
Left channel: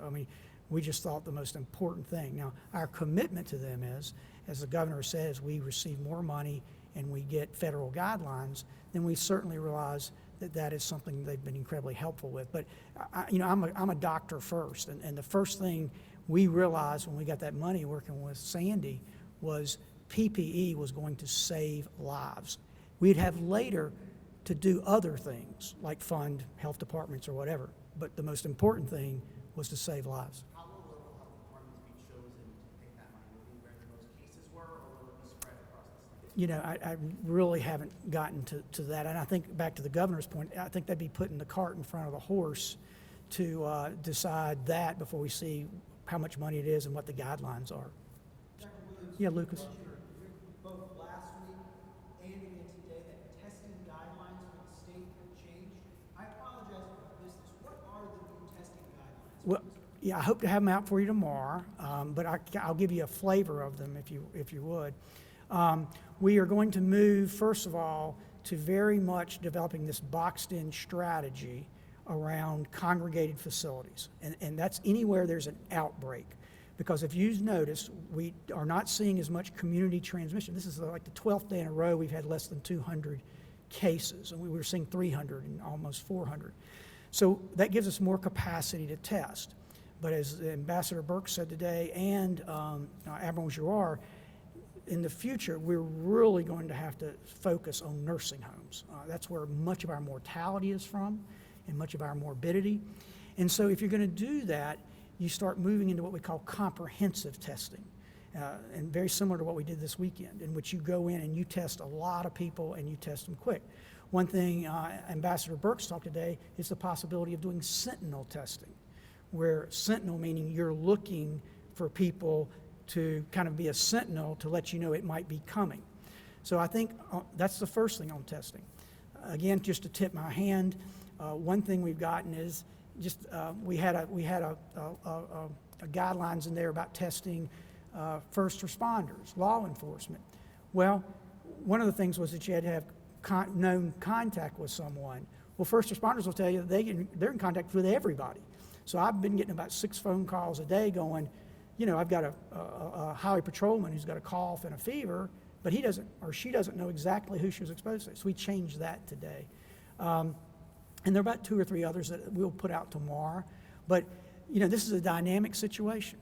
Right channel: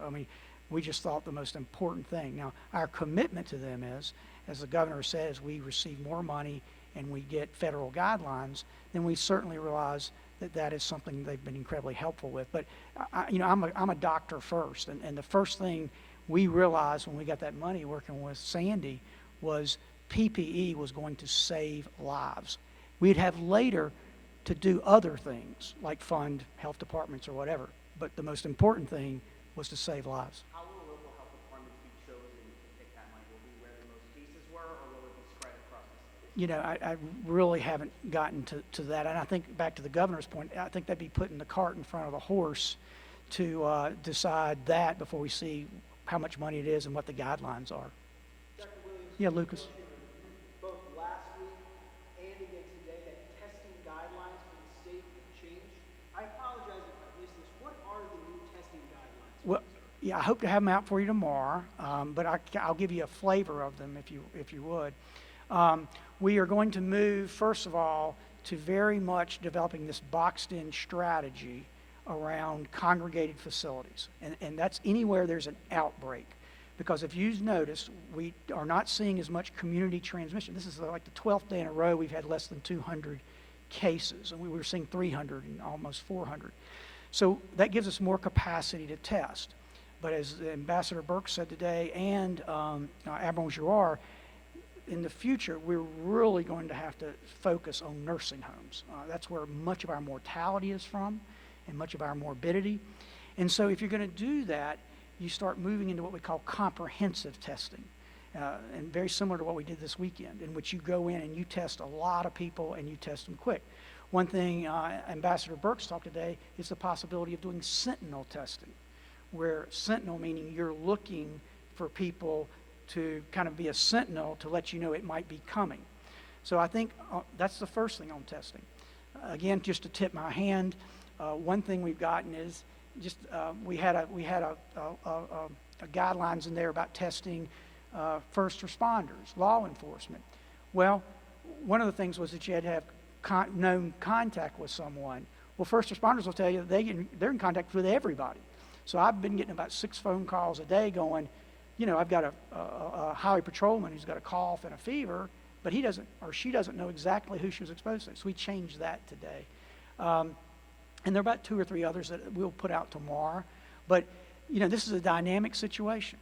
We just thought the most important thing. Now, our commitment to them is, as the governor says, we receive more money and we get federal guidelines, then we certainly realize that that is something they've been incredibly helpful with. But I'm a doctor first, and the first thing we realized when we got that money working with Sandy was PPE was going to save lives. We'd have later to do other things like fund health departments or whatever, but the most important thing was to save lives. How will local health departments be chosen to pick that money? Will it be where the most cases were, or will it be spread across the state? I really haven't gotten to that. And I think back to the governor's point, I think they'd be putting the cart in front of the horse to decide that before we see how much money it is and what the guidelines are. Dr. Williams? Yeah, Lucas. Both last week and again today, that testing guidelines for the state changed. I apologize if I missed this. What are the new testing guidelines? Well, yeah, I hope to have them out for you tomorrow, but I'll give you a flavor of them if you would. We are going to move, first of all, to very much developing this boxed-in strategy around congregated facilities, and that's anywhere there's an outbreak. Because if you've noticed, we are not seeing as much community transmission. This is like the 12th day in a row we've had less than 200 cases, and we were seeing 300 and almost 400. So that gives us more capacity to test. But as Ambassador Burke said today, and Admiral Giroir, in the future, we're really going to have to focus on nursing homes. That's where much of our mortality is from and much of our morbidity. And so if you're going to do that, you start moving into what we call comprehensive testing. And very similar to what we did this weekend, in which you go in and you test a lot of people and you test them quick. One thing Ambassador Burks talked today is the possibility of doing Sentinel testing, where Sentinel meaning you're looking for people to kind of be a sentinel to let you know it might be coming. So I think that's the first thing on testing. Again, just to tip my hand, one thing we've gotten is just we had a guidelines in there about testing first responders, law enforcement. Well, one of the things was that you had to have known contact with someone. Well, first responders will tell you that they're in contact with everybody. So I've been getting about 6 phone calls a day going, you know, I've got a highway patrolman who's got a cough and a fever, but he doesn't or she doesn't know exactly who she was exposed to. So we changed that today. And there are about 2 or 3 others that we'll put out tomorrow. But, you know, this is a dynamic situation.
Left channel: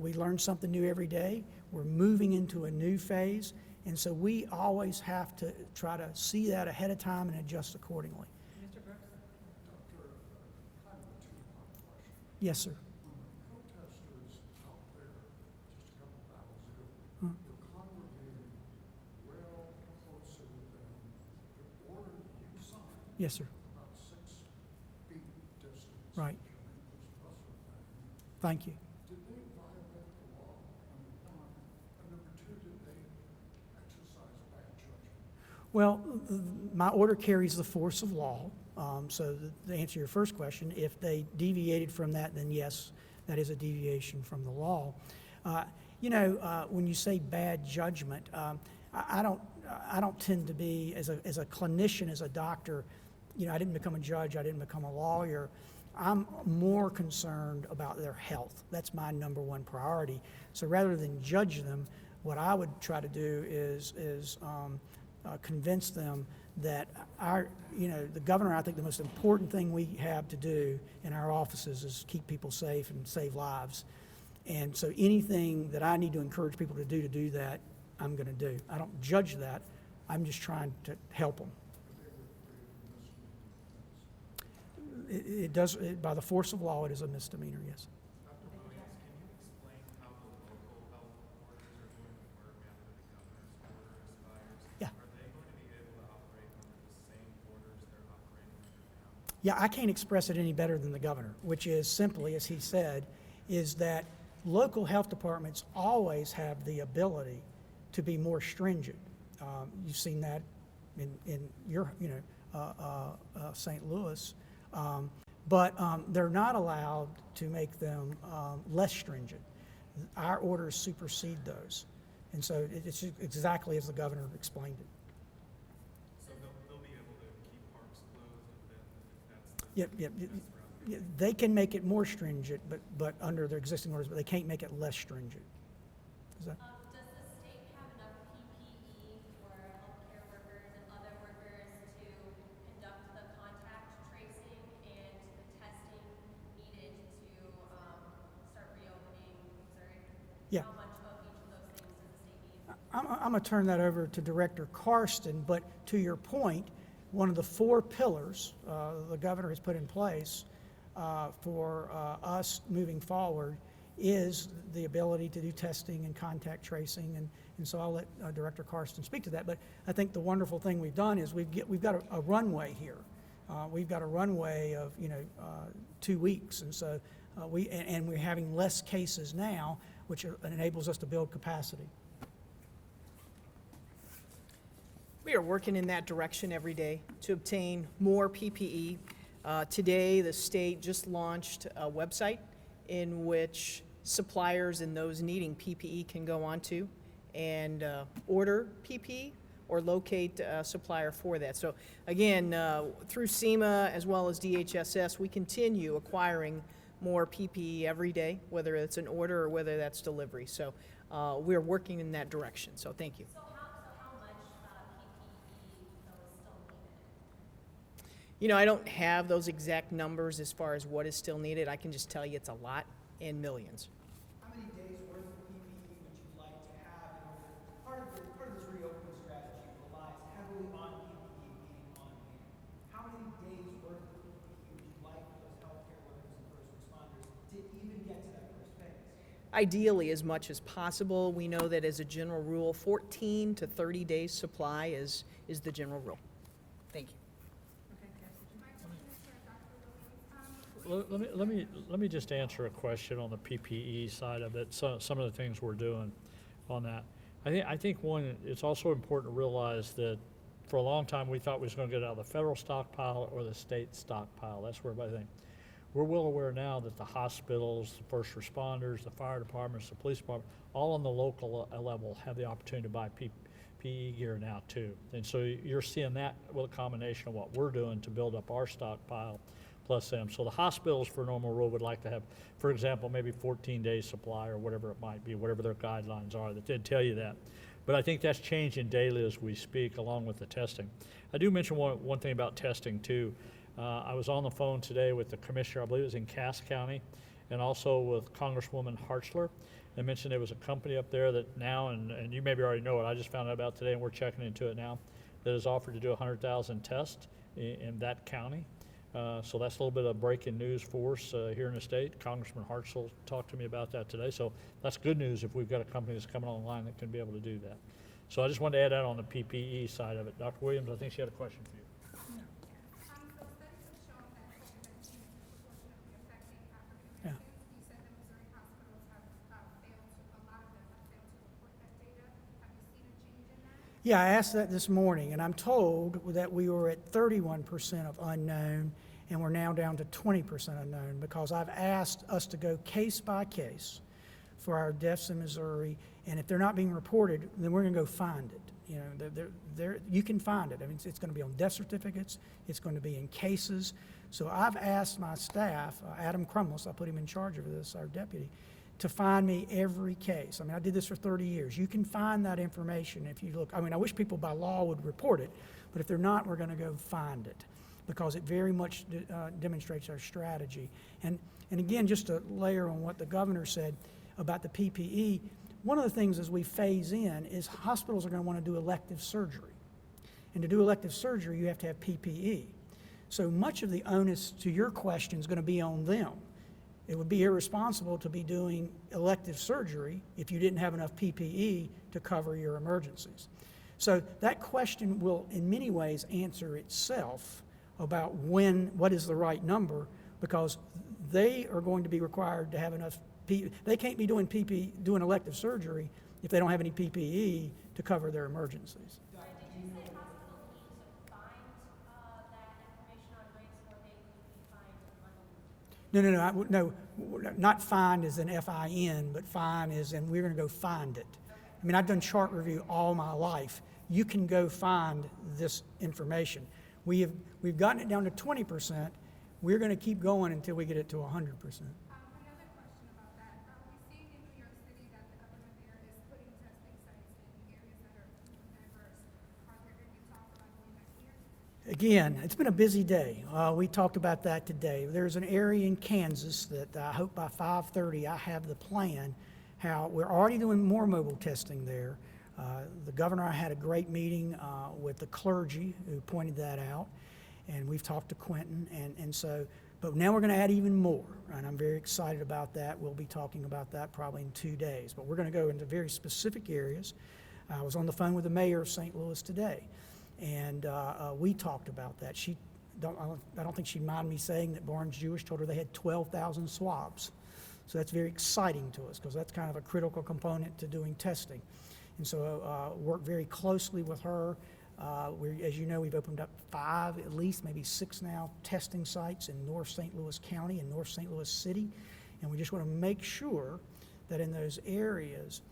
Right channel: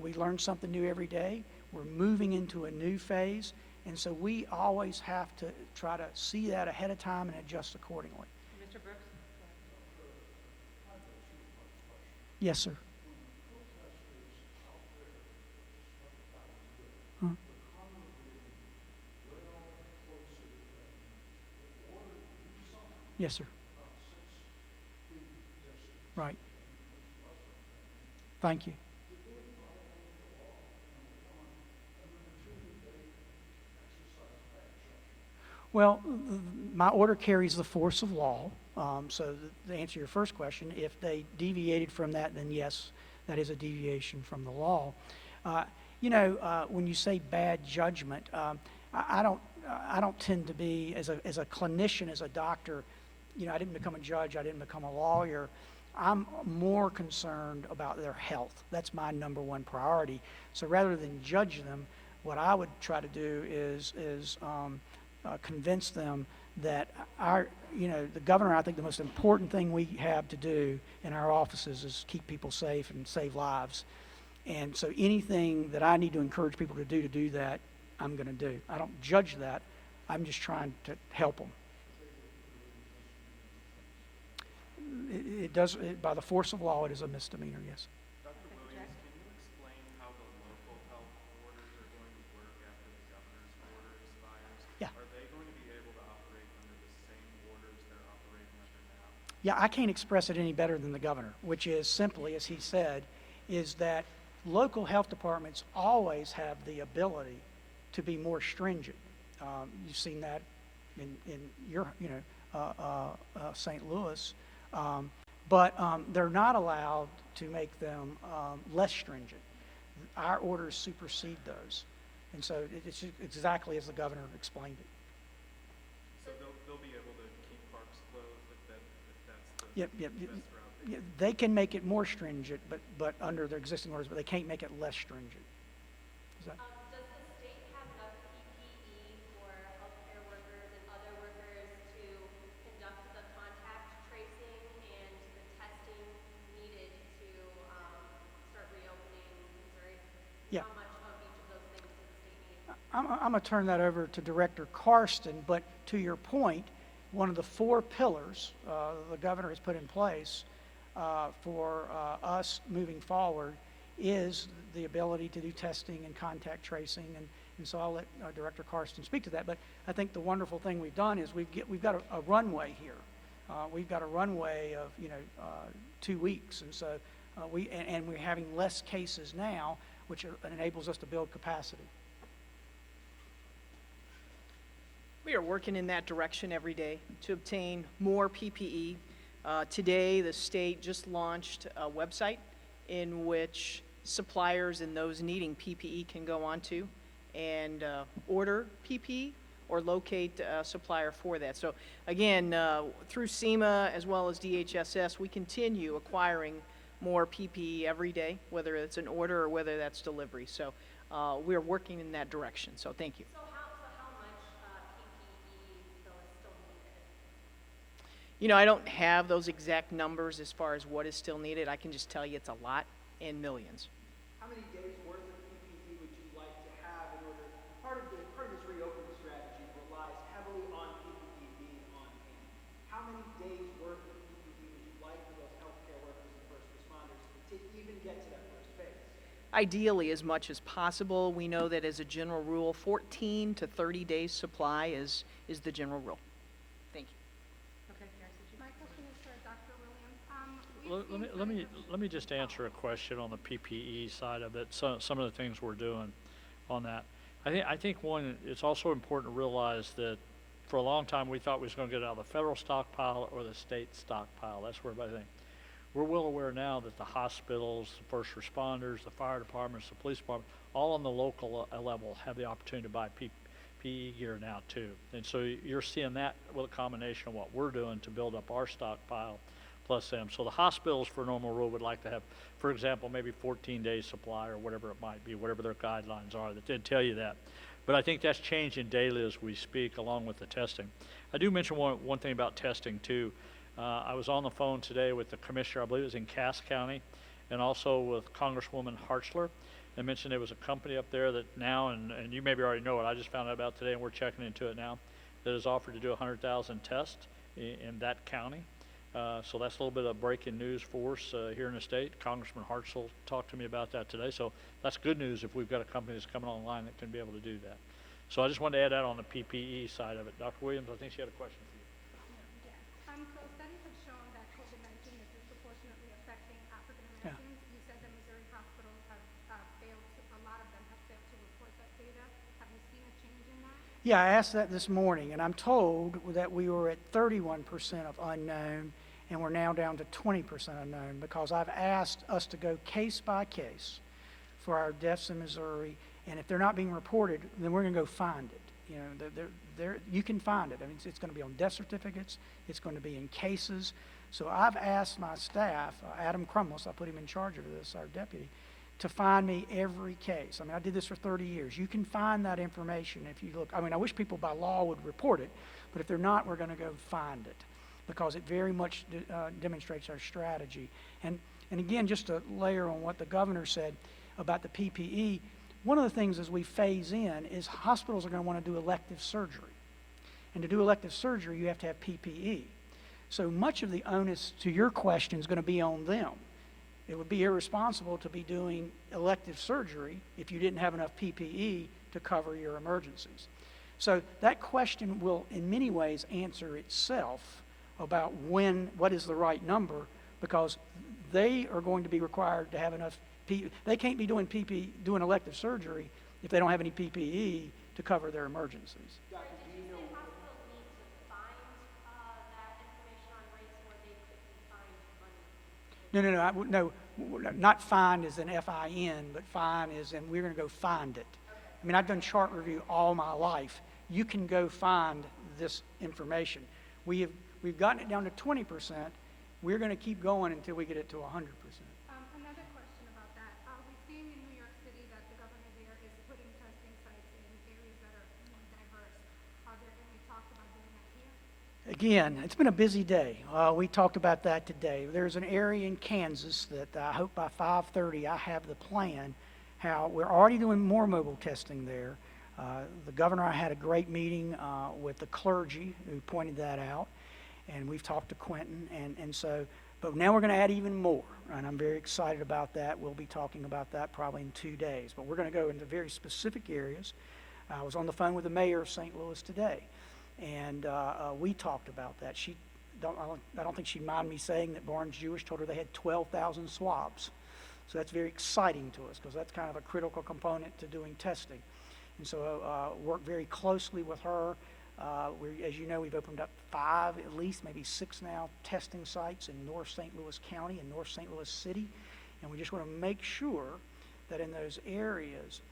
We learn something new every day. We're moving into a new phase. And so we always have to try to see that ahead of time and adjust accordingly. Mr. Brooks? Yes, sir. Huh? Yes, sir. Right. Thank you. Well, my order carries the force of law. So to answer your first question, if they deviated from that, then yes, that is a deviation from the law. You know, when you say bad judgment, I don't tend to be, as a clinician, as a doctor, you know, I didn't become a judge, I didn't become a lawyer. I'm more concerned about their health. That's my number one priority. So rather than judge them, what I would try to do is convince them that the governor, I think the most important thing we have to do in our offices is keep people safe and save lives. And so anything that I need to encourage people to do that, I'm going to do. I don't judge that. I'm just trying to help them. It does, by the force of law, it is a misdemeanor, yes. Dr. Williams, can you explain how the local health orders are going to work after the governor's order expires? Yeah. Are they going to be able to operate under the same orders they're operating under now? Yeah, I can't express it any better than the governor, which is simply, as he said, is that local health departments always have the ability to be more stringent. You've seen that in your, St. Louis. But they're not allowed to make them less stringent. Our orders supersede those. And so it's exactly as the governor explained it. So they'll be able to keep parks closed if that's the Yep. best route? Yeah, they can make it more stringent, but under their existing orders, but they can't make it less stringent. Is that? Does the state have enough PPE for healthcare workers and other workers to conduct the contact tracing and the testing needed to start reopening Missouri? Yeah. How much of each of those things does the state need? I'm going to turn that over to Director Karsten, but to your point, one of the 4 pillars the governor has put in place for us moving forward is the ability to do testing and contact tracing, and so I'll let Director Karsten speak to that. But I think the wonderful thing we've done is we've got a runway here. We've got a runway of 2 weeks, and so we're having less cases now, which enables us to build capacity. We are working in that direction every day to obtain more PPE. Today, the state just launched a website in which suppliers and those needing PPE can go onto and order PPE or locate a supplier for that. So again, through SEMA as well as DHSS, we continue acquiring more PPE every day, whether it's an order or whether that's delivery. So we're working in that direction. So thank you. So how much PPE though is still needed? You know, I don't have those exact numbers as far as what is still needed. I can just tell you it's a lot and millions. How many days worth of PPE would you like to have in order, part of this reopening strategy relies heavily on PPE being on hand. How many days worth of PPE would you like those healthcare workers and ideally as much as possible. We know that as a general rule, 14 to 30 days supply is the general rule. Thank you. My question is for Dr. Williams. Let me just answer a question on the PPE side of it, some of the things we're doing on that. I think one, it's also important to realize that for a long time, we thought we was gonna get it out of the federal stockpile or the state stockpile. That's where everybody thinks. We're well aware now that the hospitals, the first responders, the fire departments, the police department, all on the local level have the opportunity to buy PPE gear now too. And so you're seeing that with a combination of what we're doing to build up our stockpile plus them. So the hospitals for normal rule would like to have, for example, maybe 14 days supply or whatever it might be, whatever their guidelines are, that did tell you that. But I think that's changing daily as we speak, along with the testing. I do mention one thing about testing too. I was on the phone today with the commissioner, I believe it was in Cass County, and also with Congresswoman Hartzler. They mentioned there was a company up there that now, and you maybe already know it, I just found out about today and we're checking into it now, that has offered to do 100,000 tests in that county. So that's a little bit of breaking news for us here in the state. Congressman Hartzler talked to me about that today. So that's good news if we've got a company that's coming online that can be able to do that. So I just wanted to add that on the PPE side of it. Dr. Williams, I think she had a question for you. So studies have shown that COVID-19 is disproportionately affecting African Americans. You said that Missouri hospitals have failed to, a lot of them have failed to report that data. Have you seen a change in that? Yeah, I asked that this morning, and I'm told that we were at 31% of unknown, and we're now down to 20% unknown, because I've asked us to go case by case for our deaths in Missouri, and if they're not being reported, then we're gonna go find it. You know, you can find it. I mean, it's gonna be on death certificates, it's gonna be in cases. So I've asked my staff, Adam Crumless, I put him in charge of this, our deputy, to find me every case. I mean, I did this for 30 years. You can find that information if you look. I mean, I wish people by law would report it, but if they're not, we're gonna go find it, because it very much demonstrates our strategy. And again, just to layer on what the governor said about the PPE, one of the things as we phase in is hospitals are going to want to do elective surgery. And to do elective surgery, you have to have PPE. So much of the onus to your question is going to be on them. It would be irresponsible to be doing elective surgery if you didn't have enough PPE to cover your emergencies. So that question will in many ways answer itself about what is the right number, because they are going to be required to have enough PPE. They can't be doing elective surgery if they don't have any PPE to cover their emergencies. Did you say hospitals need to find that information on rates, or they could find money? No, not find as in F-I-N, but find as in we're gonna go find it. I mean, I've done chart review all my life. You can go find this information. We've gotten it down to 20%. We're gonna keep going until we get it to 100%. Another question about that. We've seen in New York City that the governor there is putting testing sites in areas that are more diverse. Are there any talks about doing that here? Again, it's been a busy day. We talked about that today. There's an area in Kansas that I hope by 5:30 I have the plan how we're already doing more mobile testing there. The governor, I had a great meeting with the clergy who pointed that out, and we've talked to Quentin, and so, but now we're going to add even more, and I'm very excited about that. We'll be talking about that probably in 2 days, but we're going to go into very specific areas. I was on the phone with the mayor of St. Louis today, and we talked about that. I don't think she'd mind me saying that Barnes Jewish told her they had 12,000 swabs. So that's very exciting to us, because that's kind of a critical component to doing testing. And so work very closely with her. As you know, we've opened up 5, at least maybe 6 now, testing sites in North St. Louis County and North St. Louis City. And we just want to make sure that in those areas,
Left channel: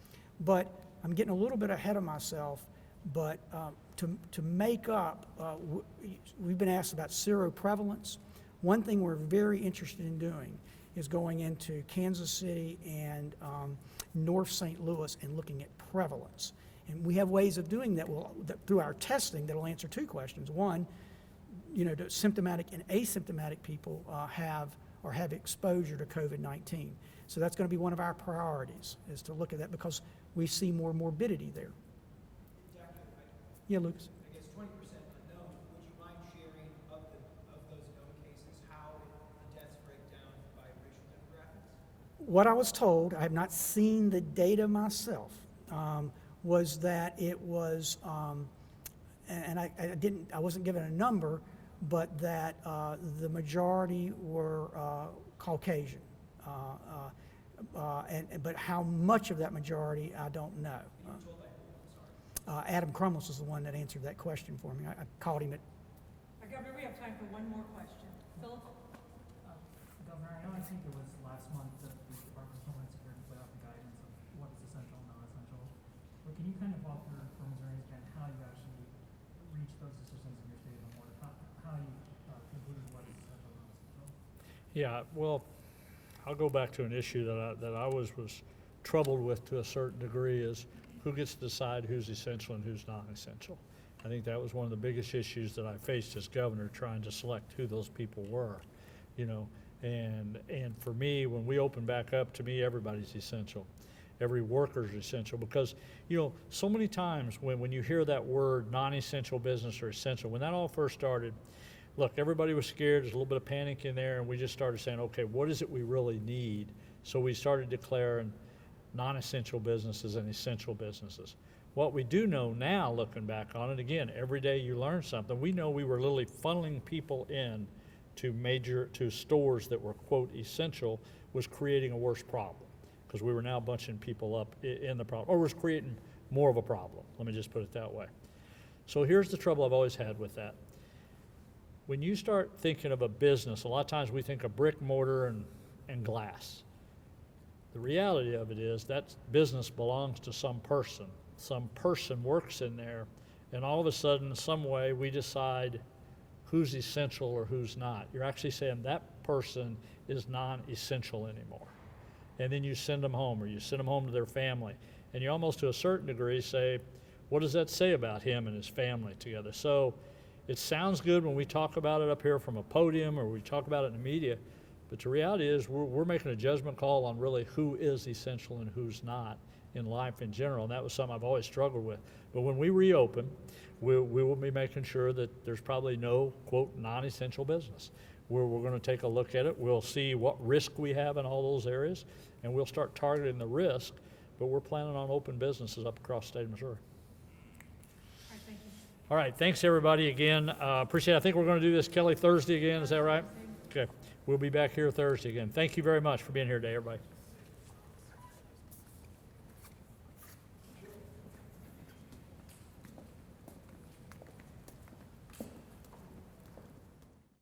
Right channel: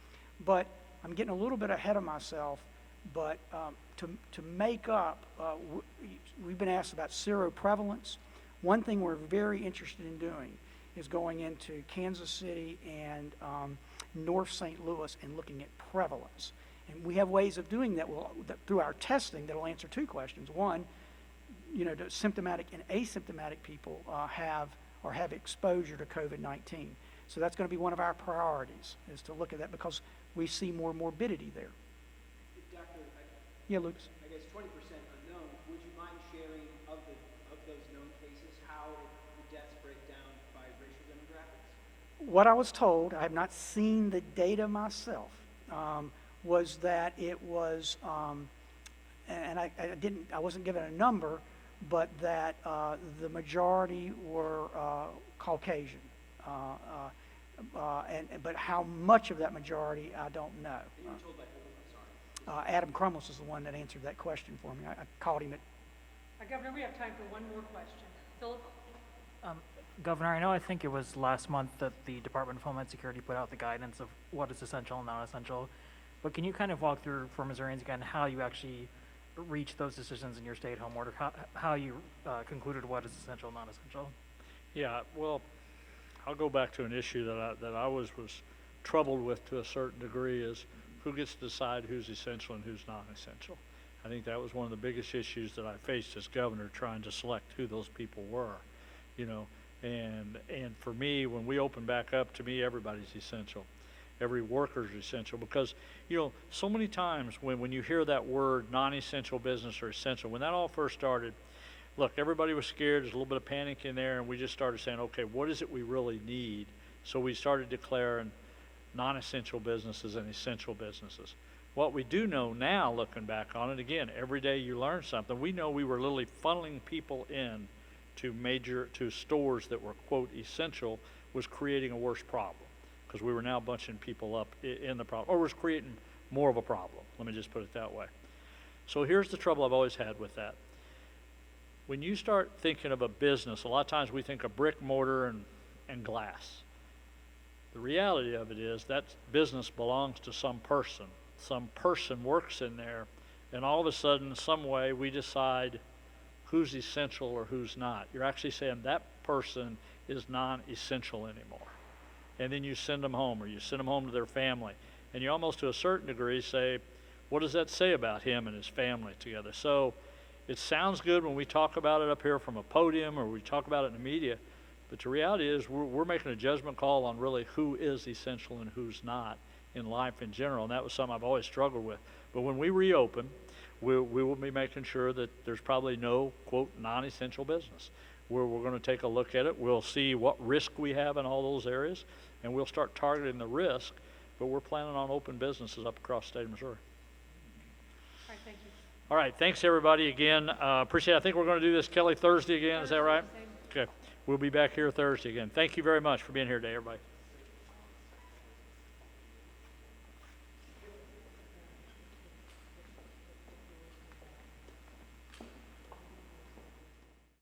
but I'm getting a little bit ahead of myself, but to make up, we've been asked about seroprevalence. One thing we're very interested in doing is going into Kansas City and North St. Louis and looking at prevalence. And we have ways of doing that, through our testing, that'll answer 2 questions. One, do symptomatic and asymptomatic people have exposure to COVID-19? So that's going to be one of our priorities, is to look at that, because we see more morbidity there. Doctor, Yeah, Lucas. I guess 20% unknown. Would you mind sharing of those known cases how the deaths break down by racial demographics? what I was told, I have not seen the data myself, was that it was, and I wasn't given a number, but that the majority were Caucasian. But how much of that majority, I don't know. Adam Crumlis is the one that answered that question for me. I called him at. Governor, we have time for one more question. Philip? Governor, I think it was last month that the Department of Homeland Security put out the guidance of what is essential and non-essential. But can you kind of walk through for Missourians again how you actually reach those decisions in your stay-at-home order, how you concluded what is essential and non-essential? Yeah, well, I'll go back to an issue that I was troubled with to a certain degree is who gets to decide who's essential and who's not essential. I think that was one of the biggest issues that I faced as governor, trying to select who those people were, you know. And for me, when we open back up, to me, everybody's essential. Every worker's essential because, you know, so many times when you hear that word non-essential business or essential, when that all first started, look, everybody was scared. There's a little bit of panic in there, and we just started saying, okay, what is it we really need? So we started declaring non-essential businesses and essential businesses. What we do know now, looking back on it, again, every day you learn something. We know we were literally funneling people in to stores that were, quote, essential, was creating a worse problem because we were now bunching people up in the problem, or was creating more of a problem. Let me just put it that way. So here's the trouble I've always had with that. When you start thinking of a business, a lot of times we think of brick, mortar, and glass. The reality of it is that business belongs to some person. Some person works in there, and all of a sudden, in some way, we decide who's essential or who's not. You're actually saying that person is non-essential anymore. And then you send them home, or you send them home to their family. And you almost, to a certain degree, say, what does that say about him and his family together? So it sounds good when we talk about it up here from a podium or we talk about it in the media, but the reality is we're making a judgment call on really who is essential and who's not in life in general, and that was something I've always struggled with. But when we reopen, we will be making sure that there's probably no, quote, non-essential business. We're going to take a look at it. We'll see what risk we have in all those areas, and we'll start targeting the risk, but we're planning on open businesses up across the state of Missouri. All right, thank you. All right, thanks everybody again. Appreciate it. I think we're going to do this, Kelly, Thursday again. Is that right? Okay. We'll be back here Thursday again. Thank you very much for being here today, everybody.